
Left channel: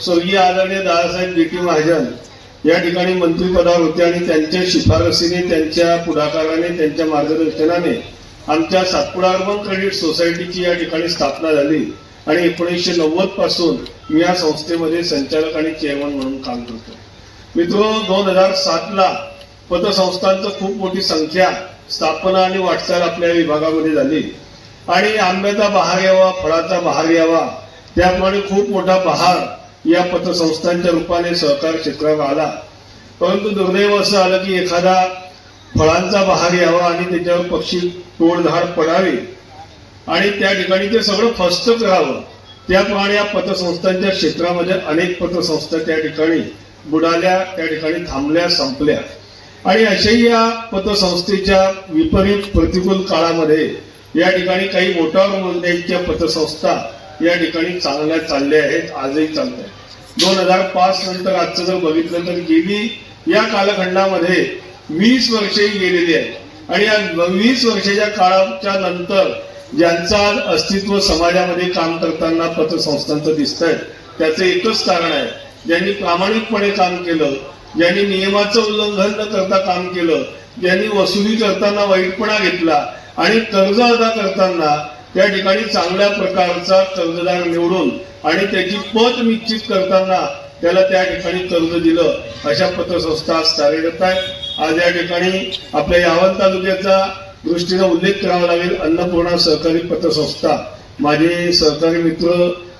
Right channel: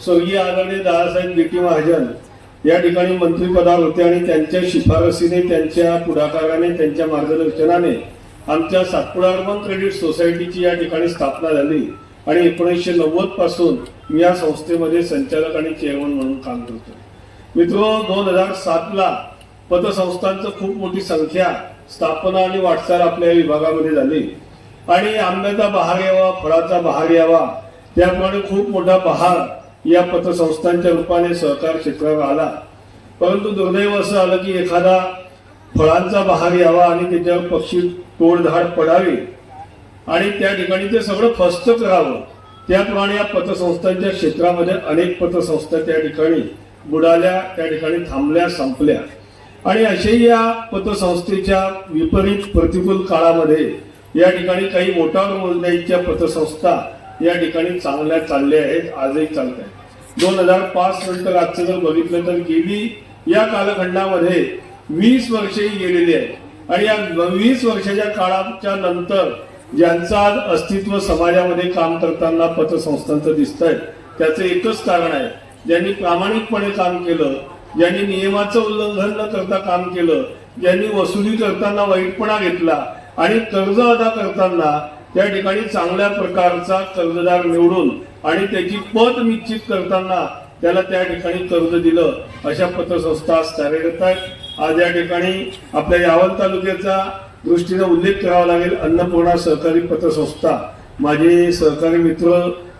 स्वर्गीय आदरणीय दादासाहेब बीटी महाजन या ठिकाणी मंत्रिपदावर होते आणि त्यांच्या शिफारसीने, त्यांच्या पुढाकाराने, त्यांच्या मार्गदर्शनाने आमच्या सातपुडा अर्बन क्रेडिट सोसायटीची या ठिकाणी स्थापना झाली आणि 1990 पासून मी या संस्थेमध्ये संचालक आणि चेअरमन म्हणून काम करतो. मित्रो, 2007 पतसंस्थांचं खूप मोठी संख्या, स्थापना आणि वाटचाल आपल्या विभागामध्ये झाली आणि आंब्याचा बहार यावा, फळाचा बहार यावा, त्याप्रमाणे खूप मोठा बहार या पतसंस्थांच्या रूपाने सहकार क्षेत्रावर आला. परंतु दुर्दैव असं आलं की एखादा फळांचा बहार यावा आणि त्याच्यावर पक्षी टोळधाड पडावे आणि त्या ठिकाणी ते सगळं फस्त करावं. त्याप्रमाणे या पतसंस्थांच्या क्षेत्रामध्ये अनेक पतसंस्था त्या ठिकाणी बुडाल्या, त्या ठिकाणी थांबल्या, संपल्या आणि अशाही या पतसंस्थेच्या विपरीत प्रतिकूल काळामध्ये या ठिकाणी काही मोटार मोजण्याच्या पतसंस्था या ठिकाणी चांगल्या चालल्या आहेत, आजही चालत आहेत. 2005 नंतर आजचं जर बघितलं तर गेली या कालखंडामध्ये 20 वर्षही गेलेली आहेत आणि या 20 वर्षाच्या काळाच्या नंतर ज्यांचं आज अस्तित्व समाजामध्ये काम करताना पतसंस्थांचं दिसतंय त्याचं एकच कारण आहे, ज्यांनी प्रामाणिकपणे काम केलं, ज्यांनी नियमाचं उल्लंघन न करता काम केलं, ज्यांनी वसुली करताना वाईटपणा घेतला आणि कर्ज अदा करताना त्या ठिकाणी चांगल्या प्रकारचा कर्जदार निवडून आणि त्याची पत निश्चित करताना त्याला त्या ठिकाणी कर्ज दिलं, अशा पतसंस्था आज कार्यरत आहेत. आज या ठिकाणी आपल्या यावल तालुक्याचा दृष्टीने उल्लेख करावा लागेल. अन्नपूर्णा सहकारी पतसंस्था, माझे सहकारी मित्र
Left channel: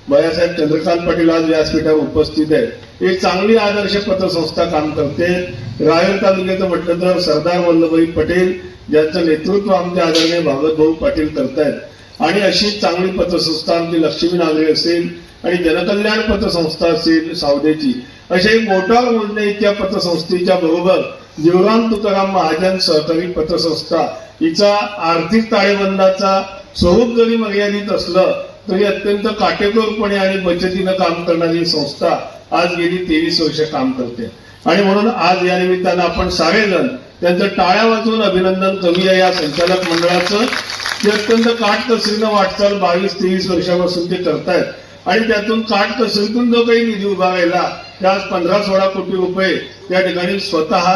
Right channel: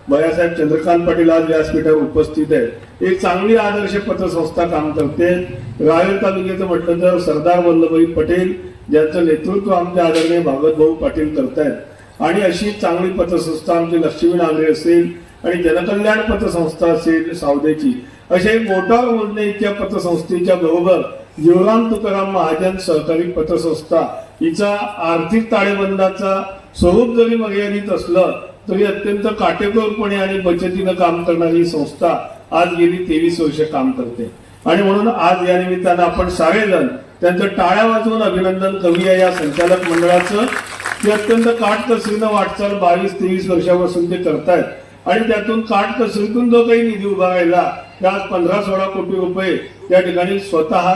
भैयासाहेब चंद्रकांत पाटील आज व्यासपीठावर उपस्थित आहेत. एक चांगली आदर्श पतसंस्था काम करते. रायगड तालुक्याचं म्हटलं तर सरदार वल्लभभाई पटेल ज्यांचं नेतृत्व आमचे आदरणीय भागवत भाऊ पाटील करतायत आणि अशी चांगली पतसंस्था आमची लक्ष्मी नागरे असेल आणि जनकल्याण पतसंस्था असेल सावदेची, अशा एक मोटार मोजण्या इतक्या पतसंस्थेच्या बरोबर जीवराम तुकाराम महाजन सहकारी पतसंस्था हिचा आर्थिक ताळेबंदाचा स्वरूप जरी मर्यादित असलं तरी अत्यंत काटेकोरपणे आणि बचतीनं काम करणारी संस्था आज गेली 23 वर्ष काम करते आणि म्हणून आज या निमित्तानं आपण सारेजण त्यांचं टाळ्या वाजवून अभिनंदन करूया या संचालक मंडळाचं, की अत्यंत काटकसरीनं वाटचाल 22-23 वर्षापासून ते करतायत आणि त्यातून काटकसरीतून जो काही निधी उभा राहिला त्या आज 15-16 कोटी रुपये त्या ठिकाणी स्वतः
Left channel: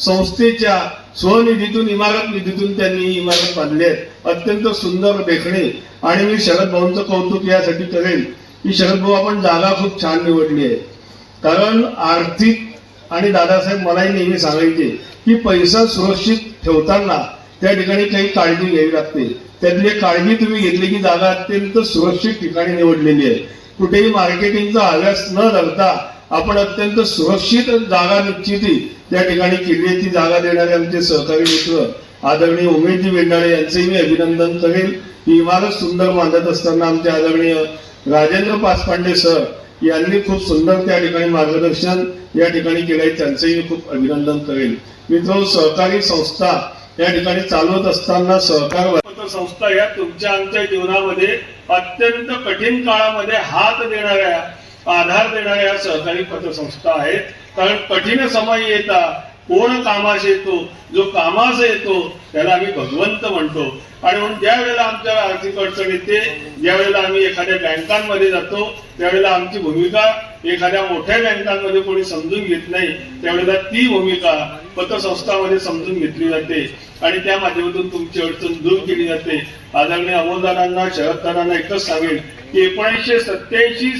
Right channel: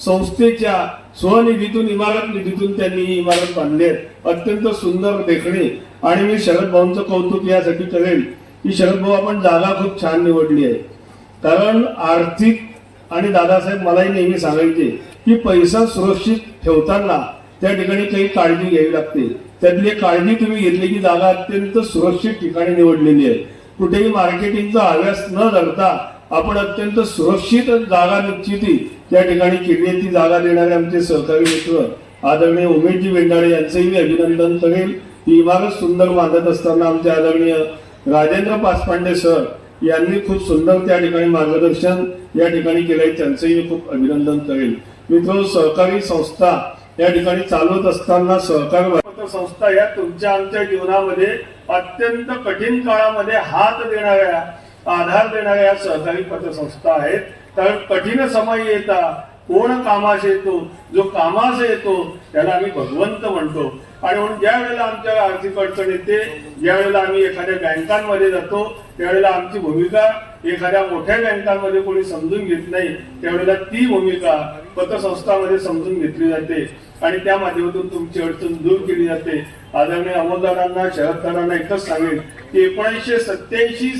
संस्थेच्या स्वनिधीतून, इमारत निधीतून त्यांनी ही इमारत बांधली आहे. अत्यंत सुंदर देखणे आणि मी शरद भाऊंचं कौतुक यासाठी करेल की शरद भाऊ आपण जागा खूप छान निवडली आहे. कारण आर्थिक आणि दादासाहेब मलाही नेहमी सांगायचे की पैसा सुरक्षित ठेवताना त्या ठिकाणी काही काळजी घ्यावी लागते. त्यातली काळजी तुम्ही घेतली की जागा अत्यंत सुरक्षित ठिकाणी निवडलेली आहे. कुठेही मार्केटिंगचा हव्यास न धरता आपण अत्यंत सुरक्षित जागा निश्चिती त्या ठिकाणी केली आहे. ती जागा देणारे आमचे सहकारी मित्र आदरणीय उमेशजी बेंडाळे यांचंही मी अभिनंदन करेल. ही इमारत सुंदर बांधत असताना आमचे आदरणीय राजेंद्र पासपांडे सर यांनी खूप सुंदर त्या ठिकाणी मार्गदर्शन या ठिकाणी केलंय, त्यांचंही मी खूप अभिनंदन करेल. मित्र, सहकारी संस्था या ठिकाणी चालवत असताना सहकार संस्था या तुमच्या आमच्या जीवनामध्ये अत्यंत कठीण काळामध्ये हात देणाऱ्या, आधार देणाऱ्या सहकारी पतसंस्था आहेत. कारण कठीण समय येता कोण कामास येतो, जो कामास येतो त्याला आम्ही भगवंत म्हणतो आणि म्हणून ज्या वेळेला आमच्यावर आर्थिक अडचण येते, ज्या वेळेला आम्ही एखाद्या बँकांमध्ये जातो त्यावेळेला आमची भूमिका एखाद्या मोठ्या बँकांमध्ये कोणी समजून घेत नाही, त्यावेळेला ती भूमिका पतसंस्थांमध्ये समजून घेतली जाते आणि त्या माध्यमातून तुमची अडचण दूर केली जाते. आदरणीय अमोलदारांना, शरददारांना एकच सांगेल की 1987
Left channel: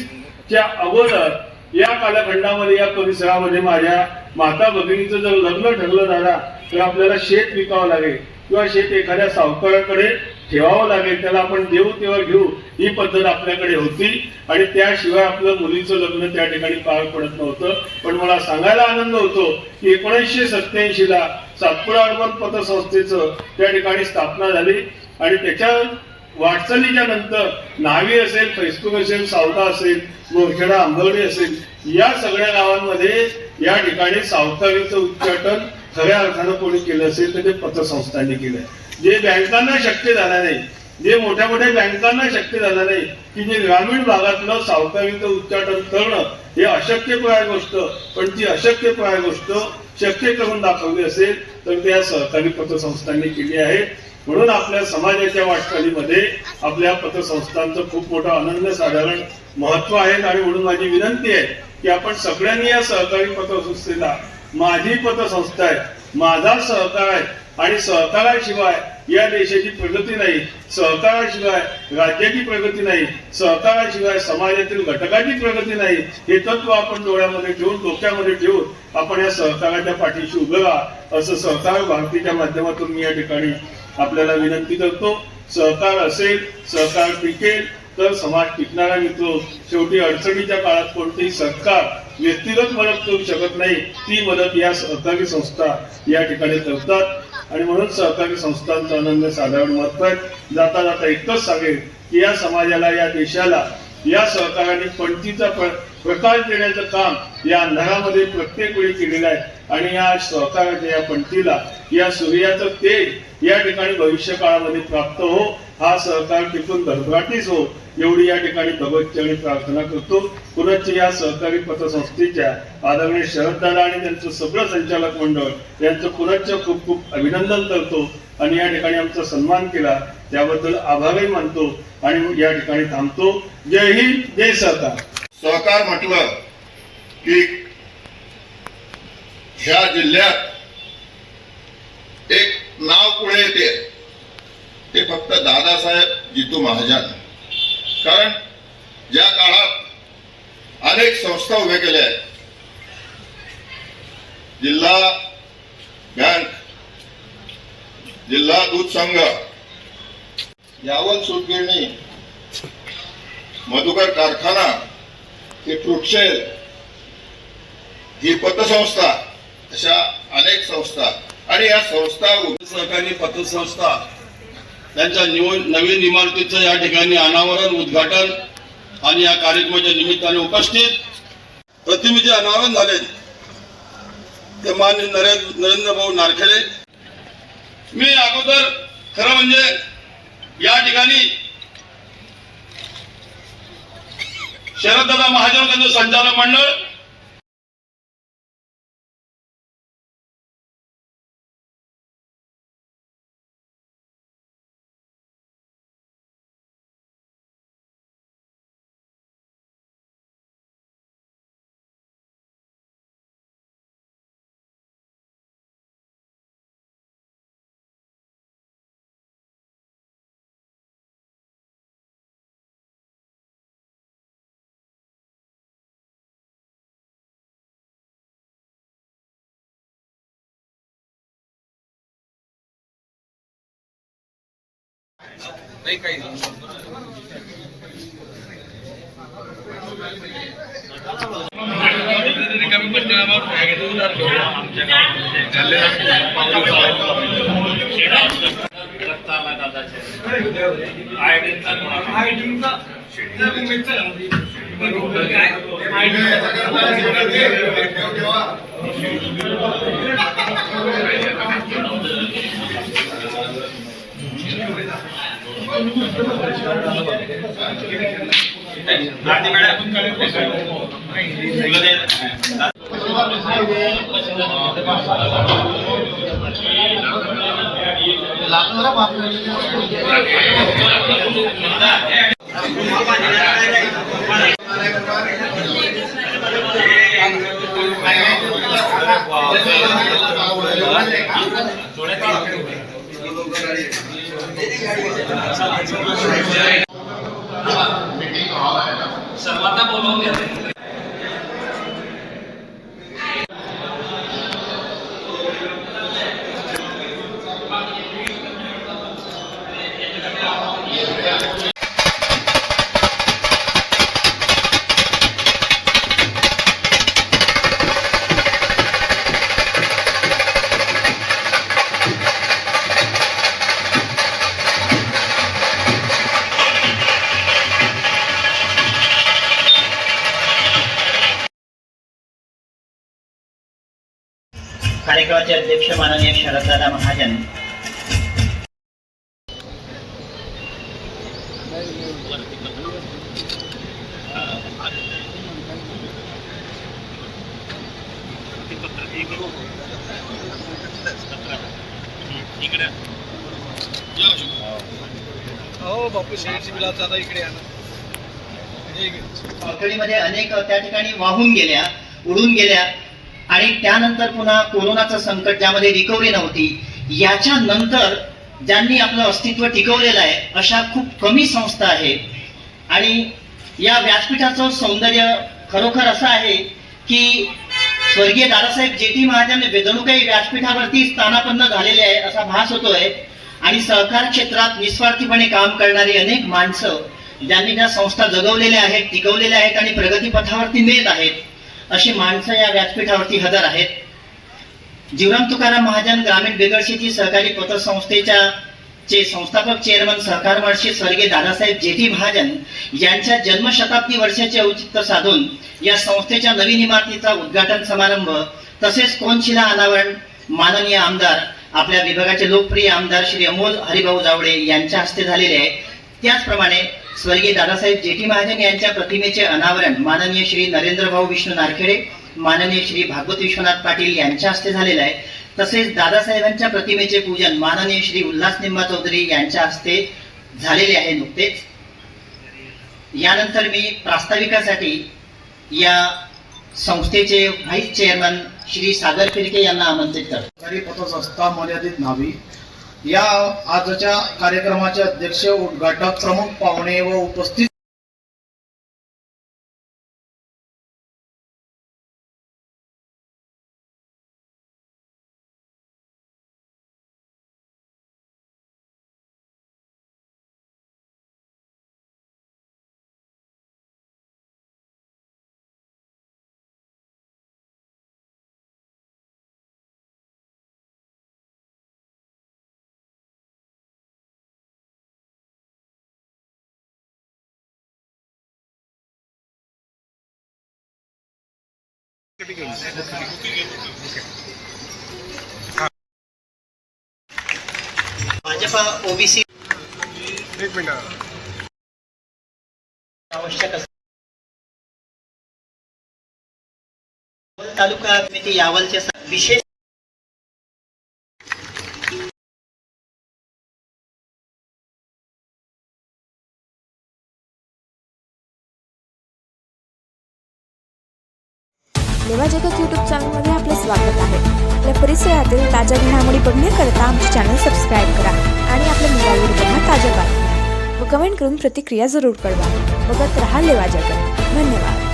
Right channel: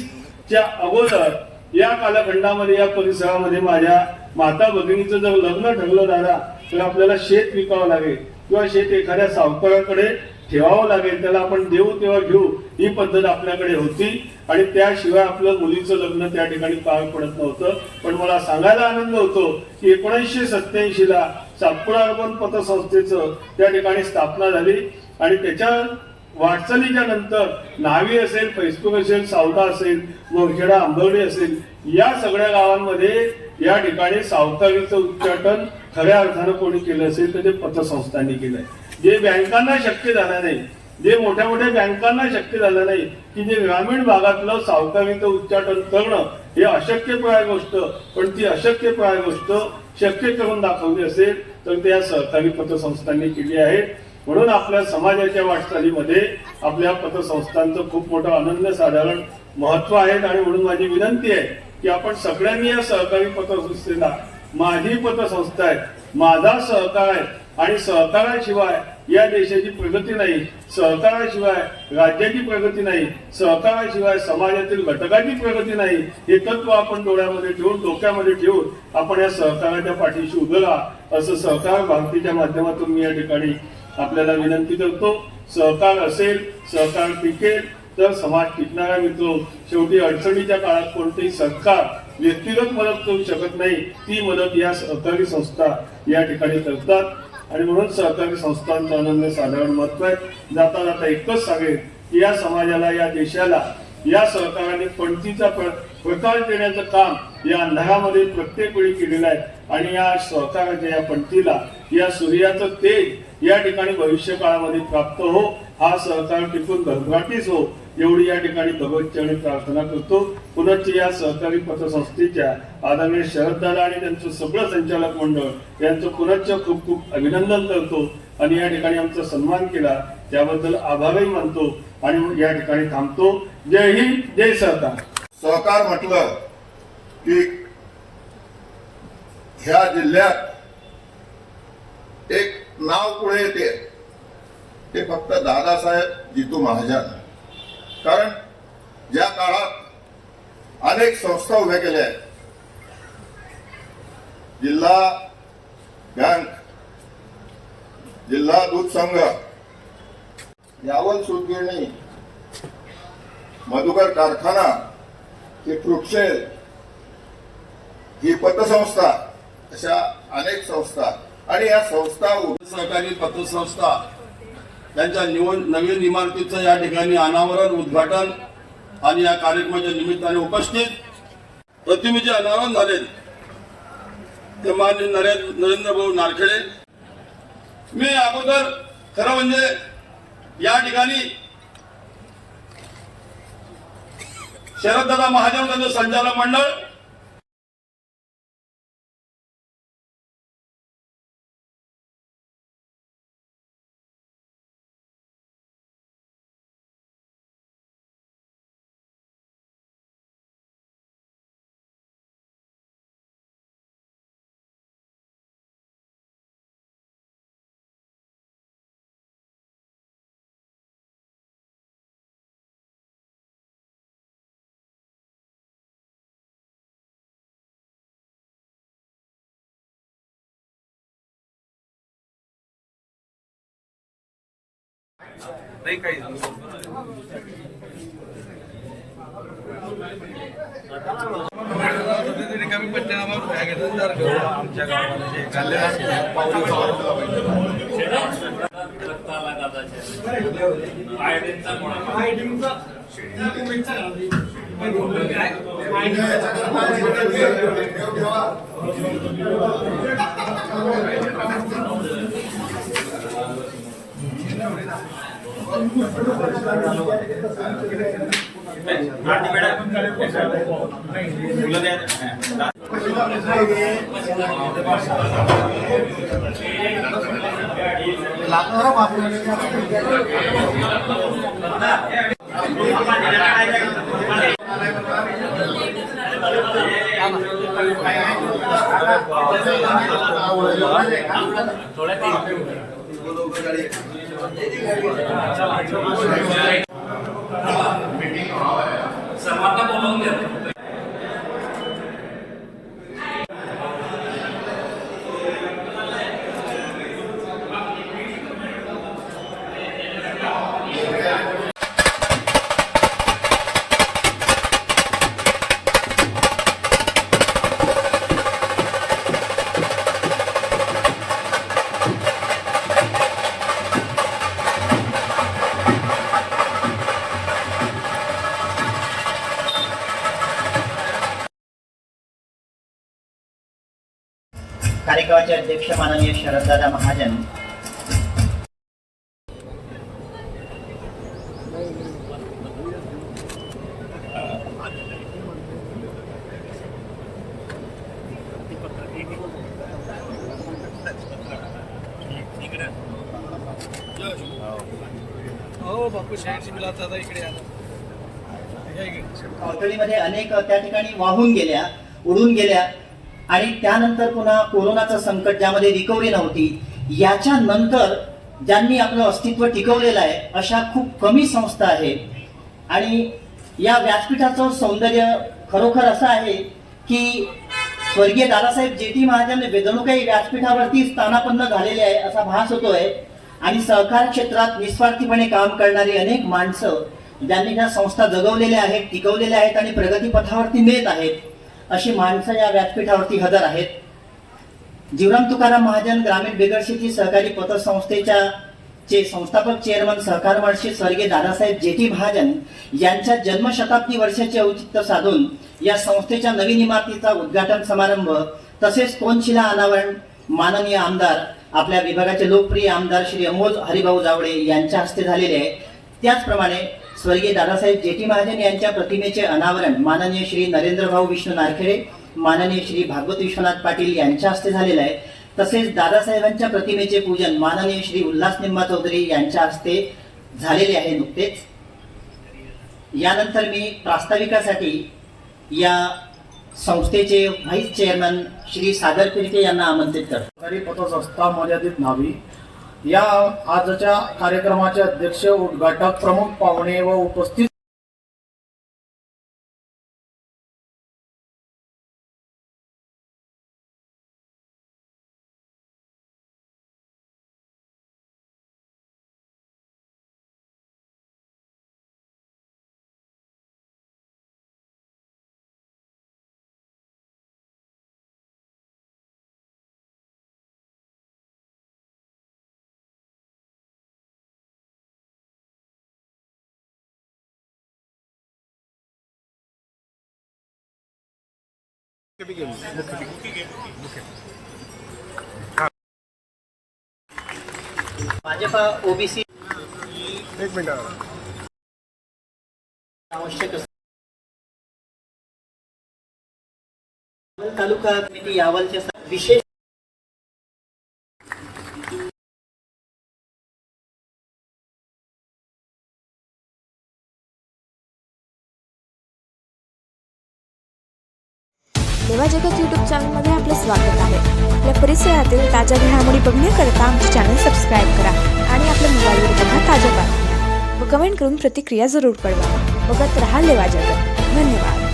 च्या अगोदर या कालखंडामध्ये या परिसरामध्ये माझ्या माता भगिनीचं जर लग्न ठरलं झाला तर आपल्याला शेत विकावं लागेल किंवा शेत एखाद्या सावकाराकडे ठेवावं लागेल, त्याला आपण देऊ तेव्हा घेऊ ही पद्धत आपल्याकडे होती आणि त्याशिवाय आपलं मुलीचं लग्न त्या ठिकाणी पार पडत नव्हतं. पण मला सांगायला आनंद होतो की 1987 ला सातपुडा अर्बन पतसंस्थेचं त्या ठिकाणी स्थापना झाली आणि त्याच्या वाटचालीच्या नंतर न्हावी असेल, फैसपूर असेल, सावदा असेल, मोरखेडा, आंबर्डे असेल, या सगळ्या गावांमध्ये या ठिकाणी सावकारीचं उच्चाटन खऱ्या अर्थानं कोणी केलं असेल तर ते पतसंस्थांनी केलं. जे बँकांना शक्य झालं नाही, जे मोठ्या मोठ्या बँकांना शक्य झालं नाही की जे ग्रामीण भागातलं सावकारीचं उच्चाटन करणं हे अशक्यप्राय गोष्ट, पण ती अशक्यप्राय गोष्ट शक्य करून दाखवली असेल तर त्या सहकारी पतसंस्थांनी केली आहे. म्हणून आपल्या समाजाच्या वाटचालीमध्ये आपल्या पतसंस्थांचं खूप मोठं अनन्यसाधारण महत्व आहे आणि म्हणून माझी विनंती आहे की आपण सगळ्यांनी या सहकारी पतसंस्थेला, माझी पतसंस्था आहे, माझा सहकार आहे आणि सहकाराशिवाय या देशाची प्रगती नाही, सहकाराशिवाय राज्याची प्रगती नाही, सहकाराशिवाय समाजातील घटकाची प्रगती नाही, हे तत्व आपण डोळ्यामध्ये ठेवून, डोक्यामध्ये ठेवून आपण या सहकाराच्या पाठीशी उभं राहा असं सहकार भारतीच्या माध्यमातून मी या ठिकाणी आपल्याला विनंती करतो. सहकार असेल, सहकार टिकेल तर समाज टिकणारा मित्र. शेवटी अडचणीच्या काळात कोणतेही सरकार व्यक्तिगत मदत करू शकत नाही, ती मदत या सहकारी संस्था या ठिकाणी करतात आणि म्हणून सहकारी संस्थांचं अनन्यसाधारण महत्व आहे. जाता जाता इतकंच सांगेल की या समाजाला, या देशाला या सहकाराने पणतीचा प्रकाश देण्याचं काम या अंधारामध्ये प्रत्येक वेळी केलेलं आहे आणि या सहकाराच्या या पणतीला, या सूर्याचं तेज या ठिकाणी भविष्य काळामध्ये प्राप्त हो, हा सहकार टिकून भरभराटीस हो, एवढी या ठिकाणी भगवतचरणी प्रार्थना करतो. पुनश्च या सहकारी पतसंस्थेच्या आदरणीय शरददादा आणि त्यांचं सगळं संचालक मंडळ यांचं पुनश्च खूप खूप अभिनंदन करतो आणि या ठिकाणी आमचा सन्मान केला त्याबद्दल आभारही मानतो आणि या ठिकाणी थांबतो. जय हिंद, जय सहकार. सहकार म्हटलं की ह्या जिल्ह्यात एक नाव पुढे येते, ते फक्त दादासाहेब जितू महाजन. कारण ज्या काळात अनेक संस्था उभ्या केल्या आहेत, जिल्हा बँक, जिल्हा दूध संघ, यावल सूतगिरणी, मधुकर कारखाना, ही फ्रुटशेल, ही पतसंस्था, अशा अनेक संस्था आणि या संस्था सहकारी पतसंस्था त्यांच्या नवीन इमारतीचं या ठिकाणी अनावरण, उद्घाटन आणि या कार्यक्रमाच्या निमित्ताने उपस्थित प्रतिनिधी अनावरण झाले ते माननीय नरेंद्र भाऊ नारखेडे. मी अगोदर खरं म्हणजे या ठिकाणी शरददादा महाजन त्यांचं संचालक मंडळ, सर्वांना बोलवून घेते. कार्यक्रमाचे अध्यक्ष माननीय शरददादा महाजन, तातडीमध्ये अनेक त्या ठिकाणी वाहून गेल्या, उडून गेल्या आणि त्यानंतर पुन्हा कोरोनाचं संकट ज्यामध्ये रिकव्हरी नव्हती, याच्या नंतर ज्यांनी आपलं अस्तित्व टिकवलेलं आहे अशा खूप कमी संस्था आहेत। आणि या व्यासपीठाचं सौंदर्य खरोखर असं आहे की स्वर्गीय दादासाहेब जे.टी. महाजन जणूकाही व्यासपीठावरती स्थानापन्न झालेले आहे असा भास होतोय। आणि सहकार क्षेत्रात निस्वार्थीपणे काम करणारी अनेक माणसं ज्यांनी त्या संस्था जगवलेल्या आहेत, टिकवलेल्या आहेत आणि प्रगतीपथावरती नेत आहेत, अशी माणसं या व्यासपीठावरती हजर आहेत। जीवराम तुकाराम महाजन ग्रामीण बिगरशेती सहकारी पतसंस्थेच्या संस्थापक चेअरमन सहकार महर्षी स्वर्गीय दादासाहेब जे.टी. महाजन यांच्या जन्मशताब्दी वर्षाचे औचित्य साधून या संस्थेच्या नवीन इमारतीचा उद्घाटन समारंभ तसेच कोनशिला अनावरण माननीय आमदार, आपल्या विभागाचे लोकप्रिय आमदार श्री अमोल हरिभाऊ जावडे यांच्या हस्ते झालेले आहे। त्याचप्रमाणे स्वर्गीय दादासाहेब जे.टी. महाजन यांच्या प्रतिमेचे अनावरण माननीय श्री नरेंद्रभाऊ विष्णू नारखेडे, माननीय श्री भागवत विश्वनाथ पाटील यांच्या हस्ते झालेलं आहे। तसेच दादासाहेबांच्या प्रतिमेचे पूजन माननीय श्री उल्हास निम्मा चौधरी यांच्या हस्ते झालेले आहे नुकतेच। यानंतर मी प्रास्ताविकासाठी या संस्थेचे व्हाईस चेअरमन श्री सागर फिरके यांना आमंत्रित करतो। सरकारी पतसंस्था मर्यादित नावी या आजच्या कार्यक्रमाचे अध्यक्ष, उद्घाटक, प्रमुख पाहुणे व उपस्थित भाजपा ओबीसी आवश्यक तालुका समिती यावलच्या विशेष लेवा जगत यूट्यूब चॅनलमध्ये आपलं स्वागत आहे। आपल्या परिसरातील ताज्या घडामोडी बघण्याकरता आमचे चॅनल सबस्क्राईब करा आणि आपल्या मोबाईलवर बघा ताज्या बातम्या व कमेंट करून प्रतिक्रिया जरूर कळवा। बघत रहा लेवा जगत। धन्यवाद।